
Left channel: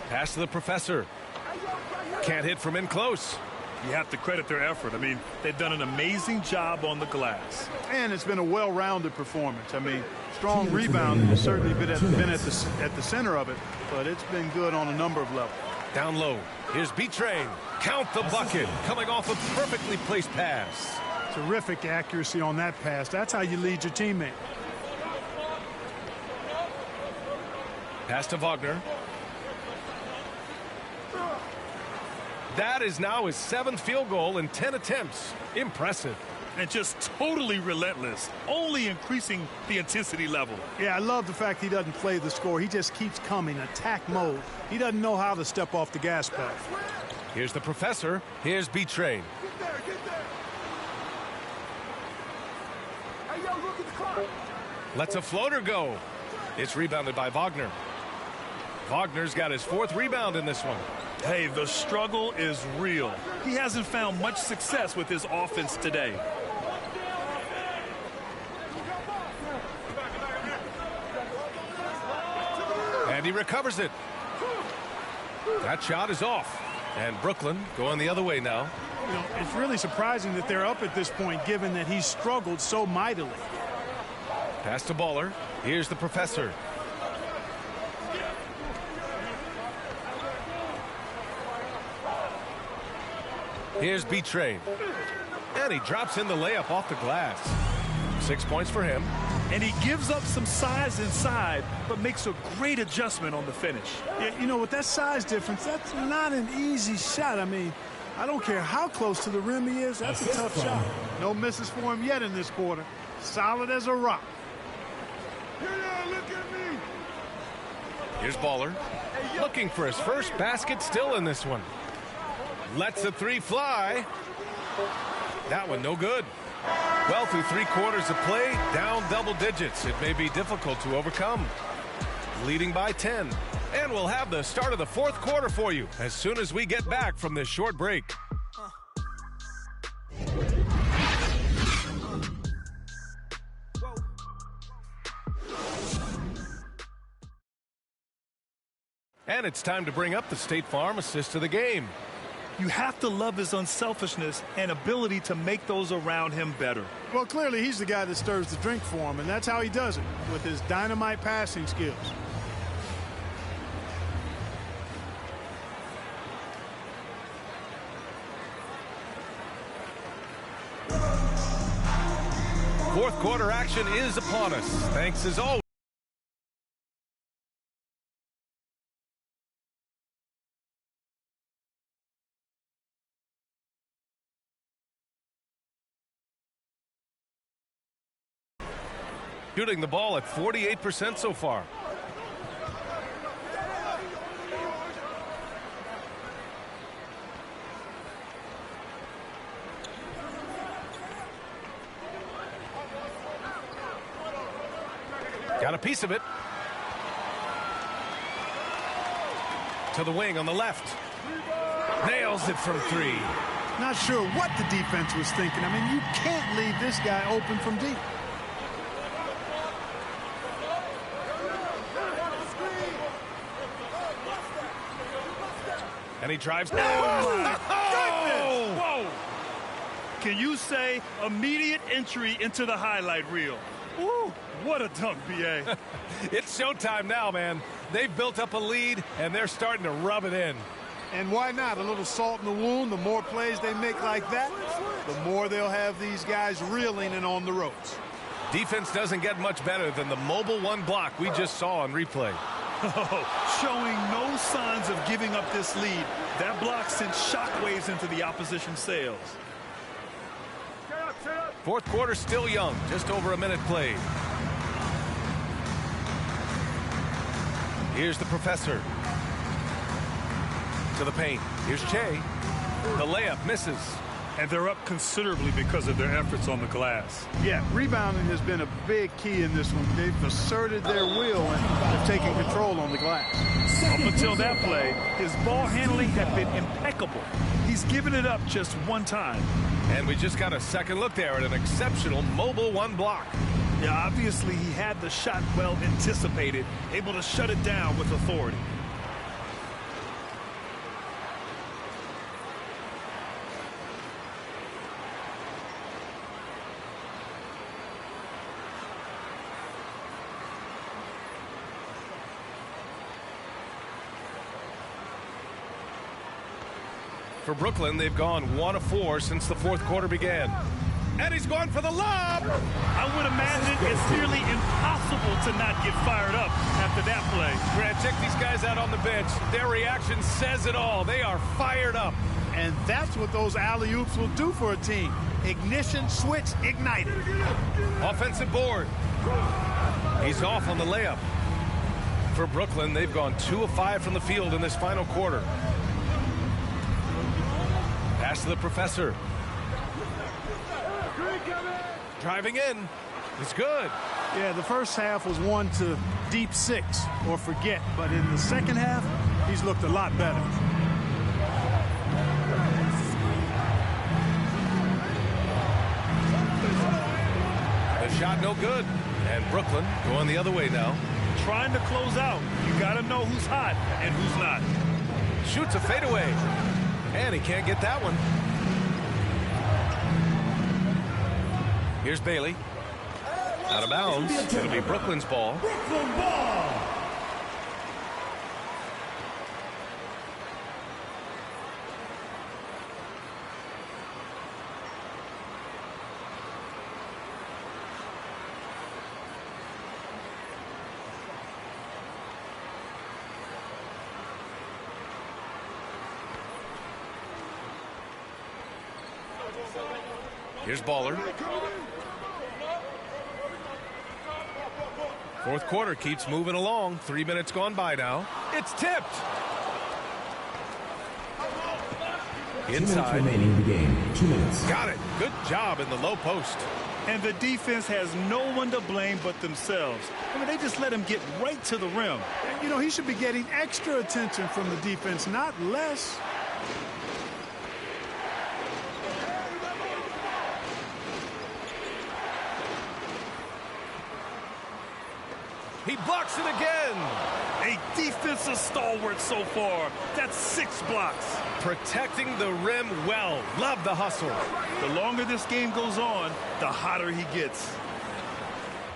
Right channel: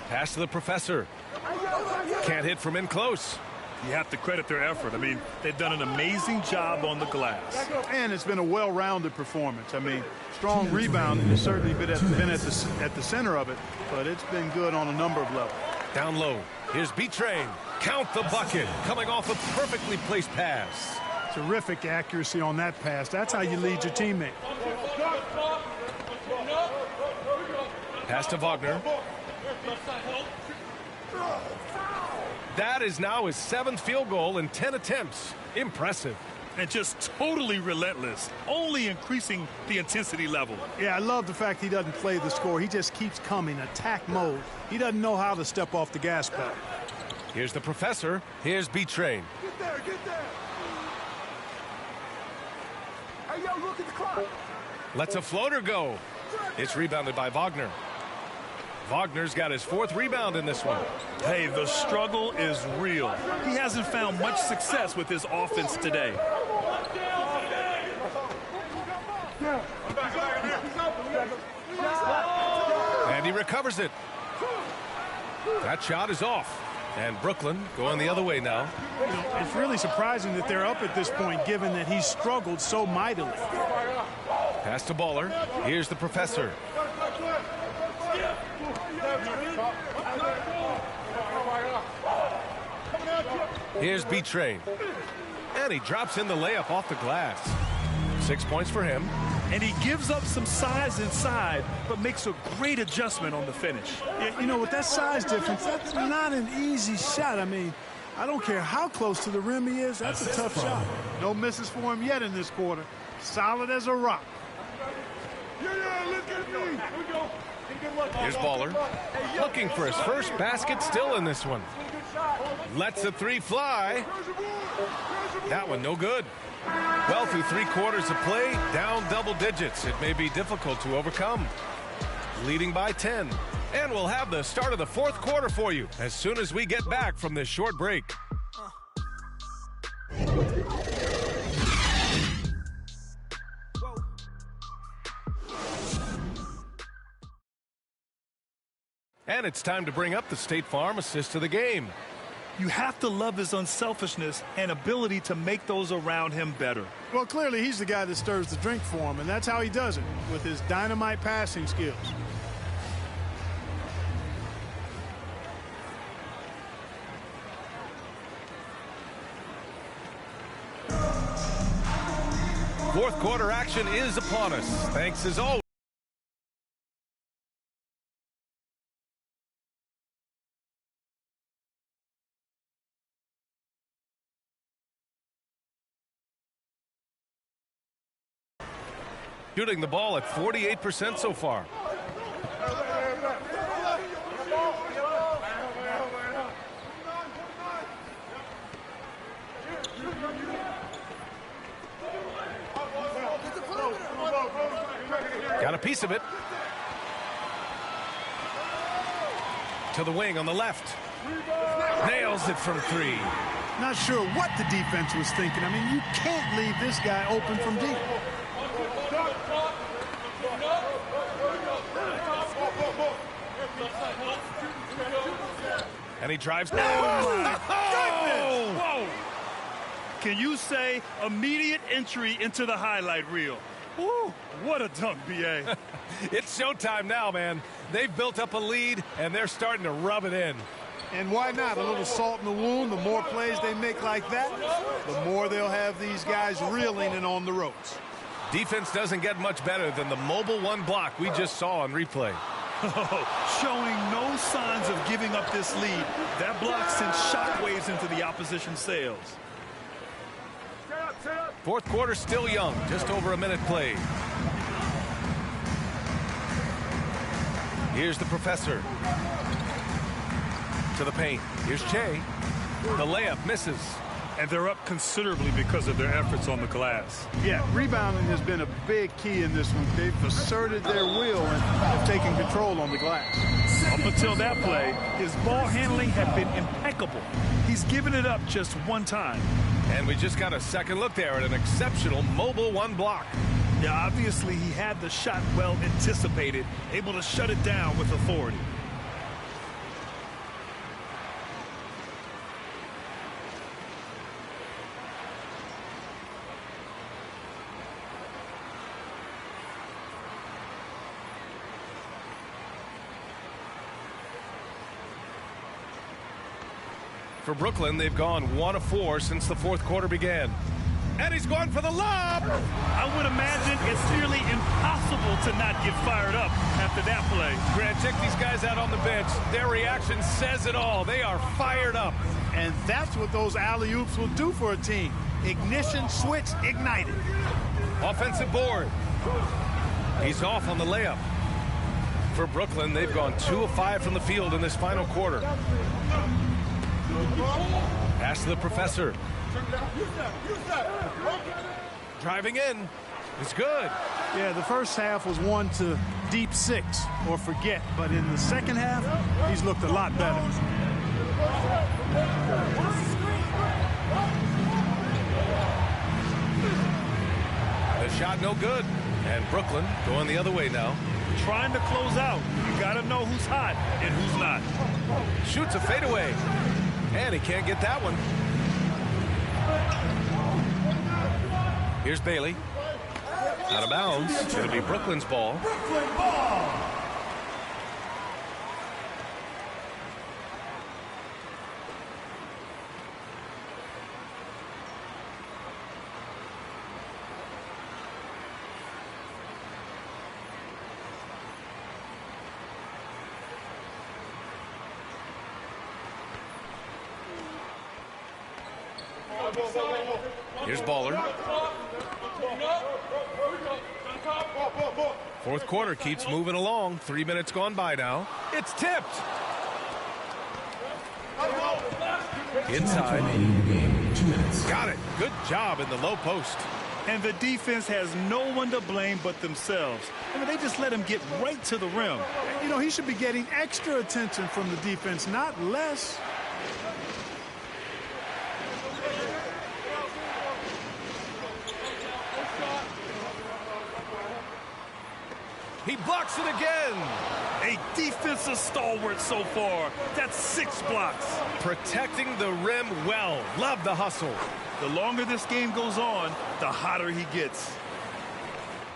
Pass to the professor. Can't hit from in close. You have to credit their effort. I mean, they've done an amazing job on the glass. And it's been a well-rounded performance. I mean, strong rebounding has certainly been at the center of it, but it's been good on a number of levels. Down low. Here's B-Train. Count the bucket. Coming off a perfectly placed pass. Terrific accuracy on that pass. That's how you lead your teammate. Pass to Wagner. That is now his 7th field goal in 10 attempts. Impressive. And just totally relentless, only increasing the intensity level. Yeah, I love the fact he doesn't play the score. He just keeps coming, attack mode. He doesn't know how to step off the gas pedal. Here's the professor. Here's B-Train. Get there, get there. Hey, yo, look at the clock. Lets a floater go. It's rebounded by Wagner. Wagner's got his 4th rebound in this one. Hey, the struggle is real. He hasn't found much success with his offense today. And he recovers it. That shot is off. And Brooklyn going the other way now. You know, it's really surprising that they're up at this point, given that he's struggled so mightily. Pass to Baller. Here's the professor. Here's B-Train. And he drops in the layup off the glass. 6 points for him. and he gives up some size inside, but makes a great adjustment on the finish. Yeah, you know, with that size difference, that's not an easy shot. I mean, I don't care how close to the rim he is, that's a tough shot. No misses for him yet in this quarter. Solid as a rock. Yeah, look at me. Here's Baller, looking for his first basket still in this one. Lets the three fly. That one no good. Well, through 3 quarters of play, down double digits. It may be difficult to overcome. Leading by 10. And we'll have the start of the 4th quarter for you as soon as we get back from this short break. And it's time to bring up the State Farm assist of the game. You have to love his unselfishness and ability to make those around him better. Well, clearly he's the guy that stirs the drink for him, and that's how he does it, with his dynamite passing skills. Fourth quarter action is upon us. Thanks as always. Shooting the ball at 48% so far. Got a piece of it. To the wing on the left. Nails it from 3. Not sure what the defense was thinking. I mean, you can't leave this guy open from deep. And he drives. Oh, my goodness! Whoa! Can you say immediate entry into the highlight reel? Ooh, what a dunk, B.A. It's showtime now, man. They've built up a lead, and they're starting to rub it in. And why not? A little salt in the wound. The more plays they make like that, the more they'll have these guys reeling and on the ropes. Defense doesn't get much better than the mobile 1 block we just saw on replay. Showing no signs of giving up this lead. That block sent shockwaves into the opposition sails. Fourth quarter still young, just over a minute played. Here's the professor. To the paint. Here's Che. The layup misses. And they're up considerably because of their efforts on the glass. Yeah, rebounding has been a big key in this one. They've asserted their will and have taken control on the glass. Up until that play, his ball handling had been impeccable. He's given it up just one time. And we just got a second look there at an exceptional mobile 1 block. Yeah, obviously he had the shot well anticipated, able to shut it down with authority. For Brooklyn, they've gone 1 of 4 since the fourth quarter began. And he's going for the lob! I would imagine it's nearly impossible to not get fired up after that play. Grant, check these guys out on the bench. Their reaction says it all. They are fired up. And that's what those alley-oops will do for a team. Ignition switch ignited. Offensive board. He's off on the layup. For Brooklyn, they've gone 2 of 5 from the field in this final quarter. Pass to the professor. Driving in. It's good. Yeah, the first half was 1 to deep 6 or forget. But in the second half, he's looked a lot better. The shot no good. And Brooklyn going the other way now. Trying to close out. You got to know who's hot and who's not. Shoots a fadeaway. And he can't get that one. Here's Bailey. Out of bounds. It'll be Brooklyn's ball. Brooklyn ball. Here's Baller. Fourth quarter keeps moving along. 3 minutes gone by now. It's tipped. Inside. Remaining in the game. 2 minutes. Got it. Good job in the low post. And the defense has no one to blame but themselves. I mean, they just let him get right to the rim. You know, he should be getting extra attention from the defense, not less. He blocks it again. A defensive stalwart so far. That's 6 blocks. Protecting the rim well. Love the hustle. The longer this game goes on, the hotter he gets.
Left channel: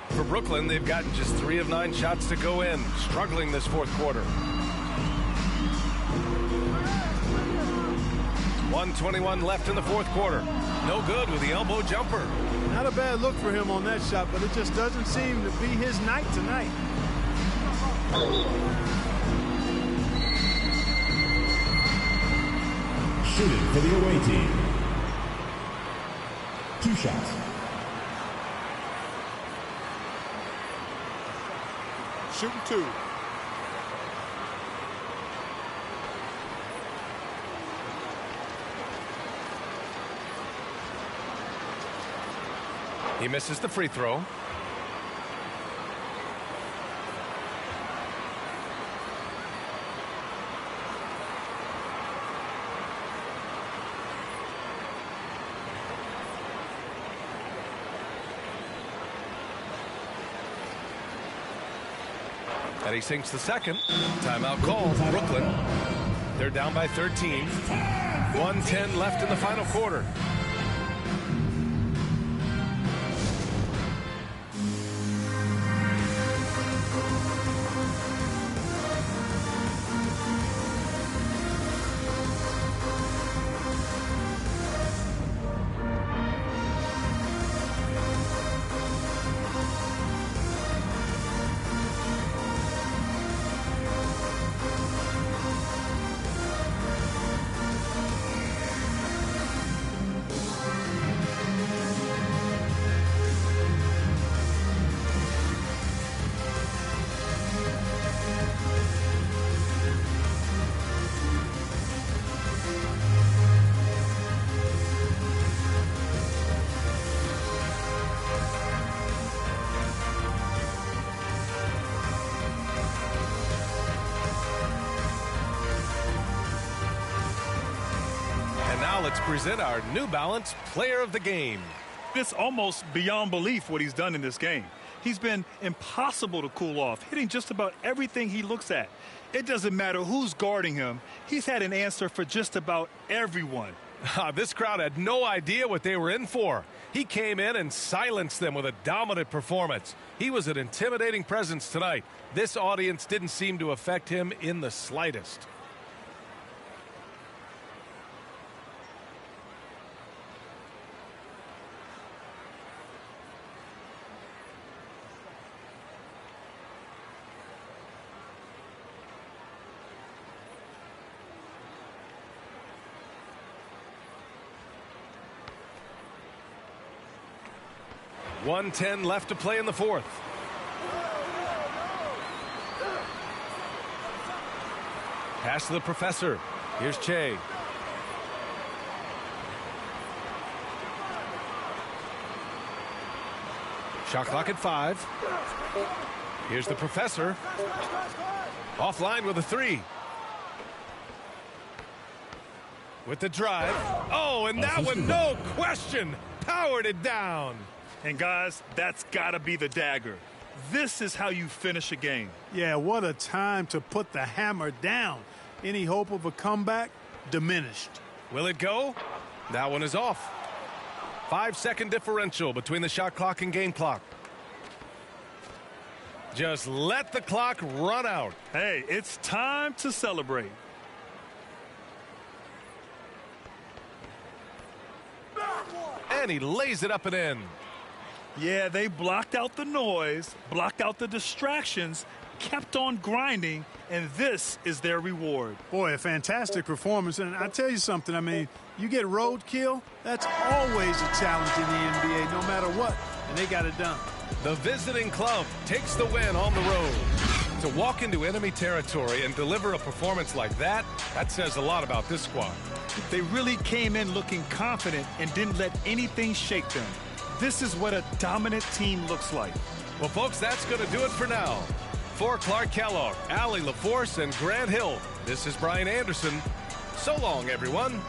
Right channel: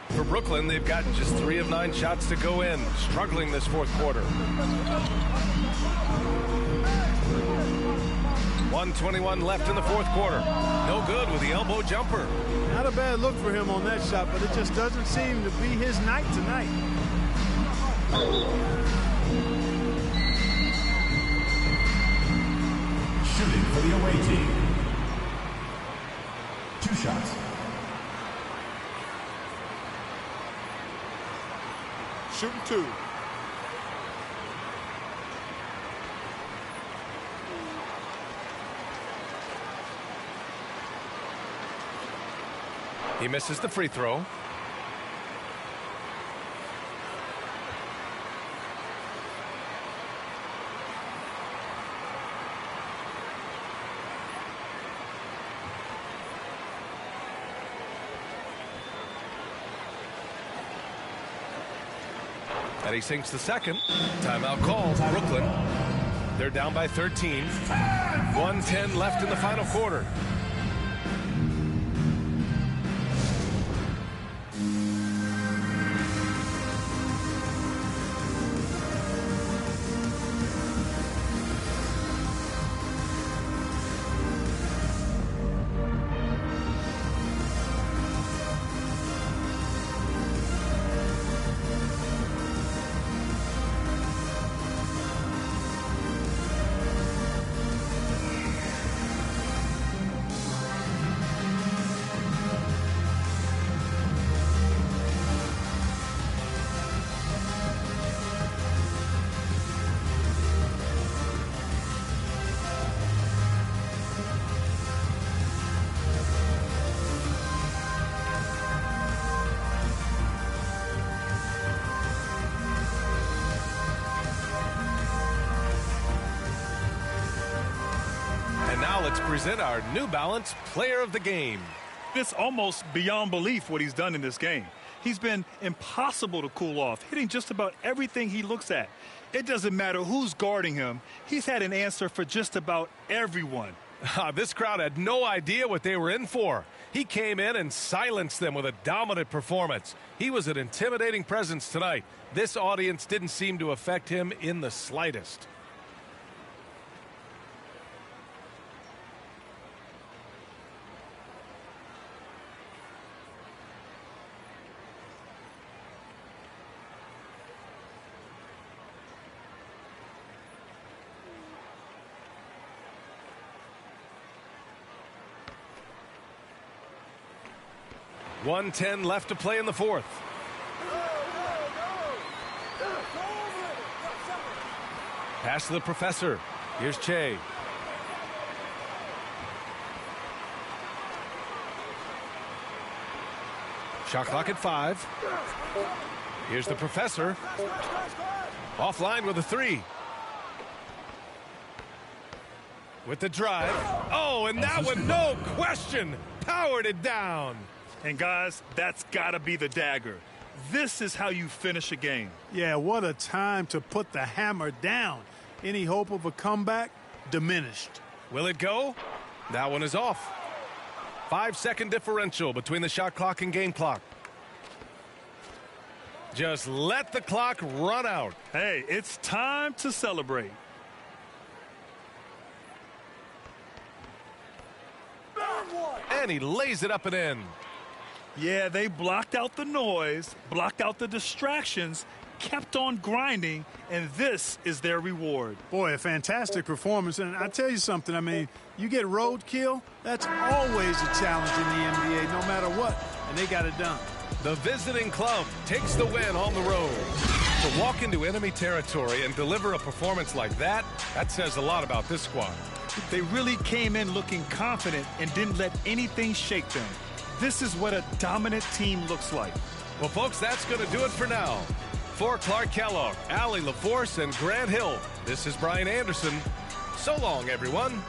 For Brooklyn, they've gotten just 3 of 9 shots to go in. Struggling this fourth quarter. 1:21 left in the fourth quarter. No good with the elbow jumper. Not a bad look for him on that shot, but it just doesn't seem to be his night tonight. Shooting for the away team. 2 shots. Shooting 2. He misses the free throw. And he sinks the second. Timeout call. Brooklyn. They're down by 13. 1:10 left in the final quarter. And now let's present our New Balance Player of the Game. It's almost beyond belief what he's done in this game. He's been impossible to cool off, hitting just about everything he looks at. It doesn't matter who's guarding him. He's had an answer for just about everyone. This crowd had no idea what they were in for. He came in and silenced them with a dominant performance. He was an intimidating presence tonight. This audience didn't seem to affect him in the slightest. .110 left to play in the fourth. Pass to the professor. Here's Che. Shot clock at 5. Here's the professor. Offline with a 3. With the drive. Oh, and that one, no question, powered it down. And guys, that's got to be the dagger. This is how you finish a game. Yeah, what a time to put the hammer down. Any hope of a comeback? Diminished. Will it go? That one is off. 5-second differential between the shot clock and game clock. Just let the clock run out. Hey, it's time to celebrate. And he lays it up and in. Yeah, they blocked out the noise, blocked out the distractions, kept on grinding, and this is their reward. Boy, a fantastic performance. And I tell you something, I mean, you get roadkill, that's always a challenge in the NBA, no matter what, and they got it done. The visiting club takes the win on the road. To walk into enemy territory and deliver a performance like that says a lot about this squad. They really came in looking confident and didn't let anything shake them. This is what a dominant team looks like. Well, folks, that's going to do it for now. For Clark Kellogg, Allie LaForce, and Grant Hill, this is Brian Anderson. So long, everyone.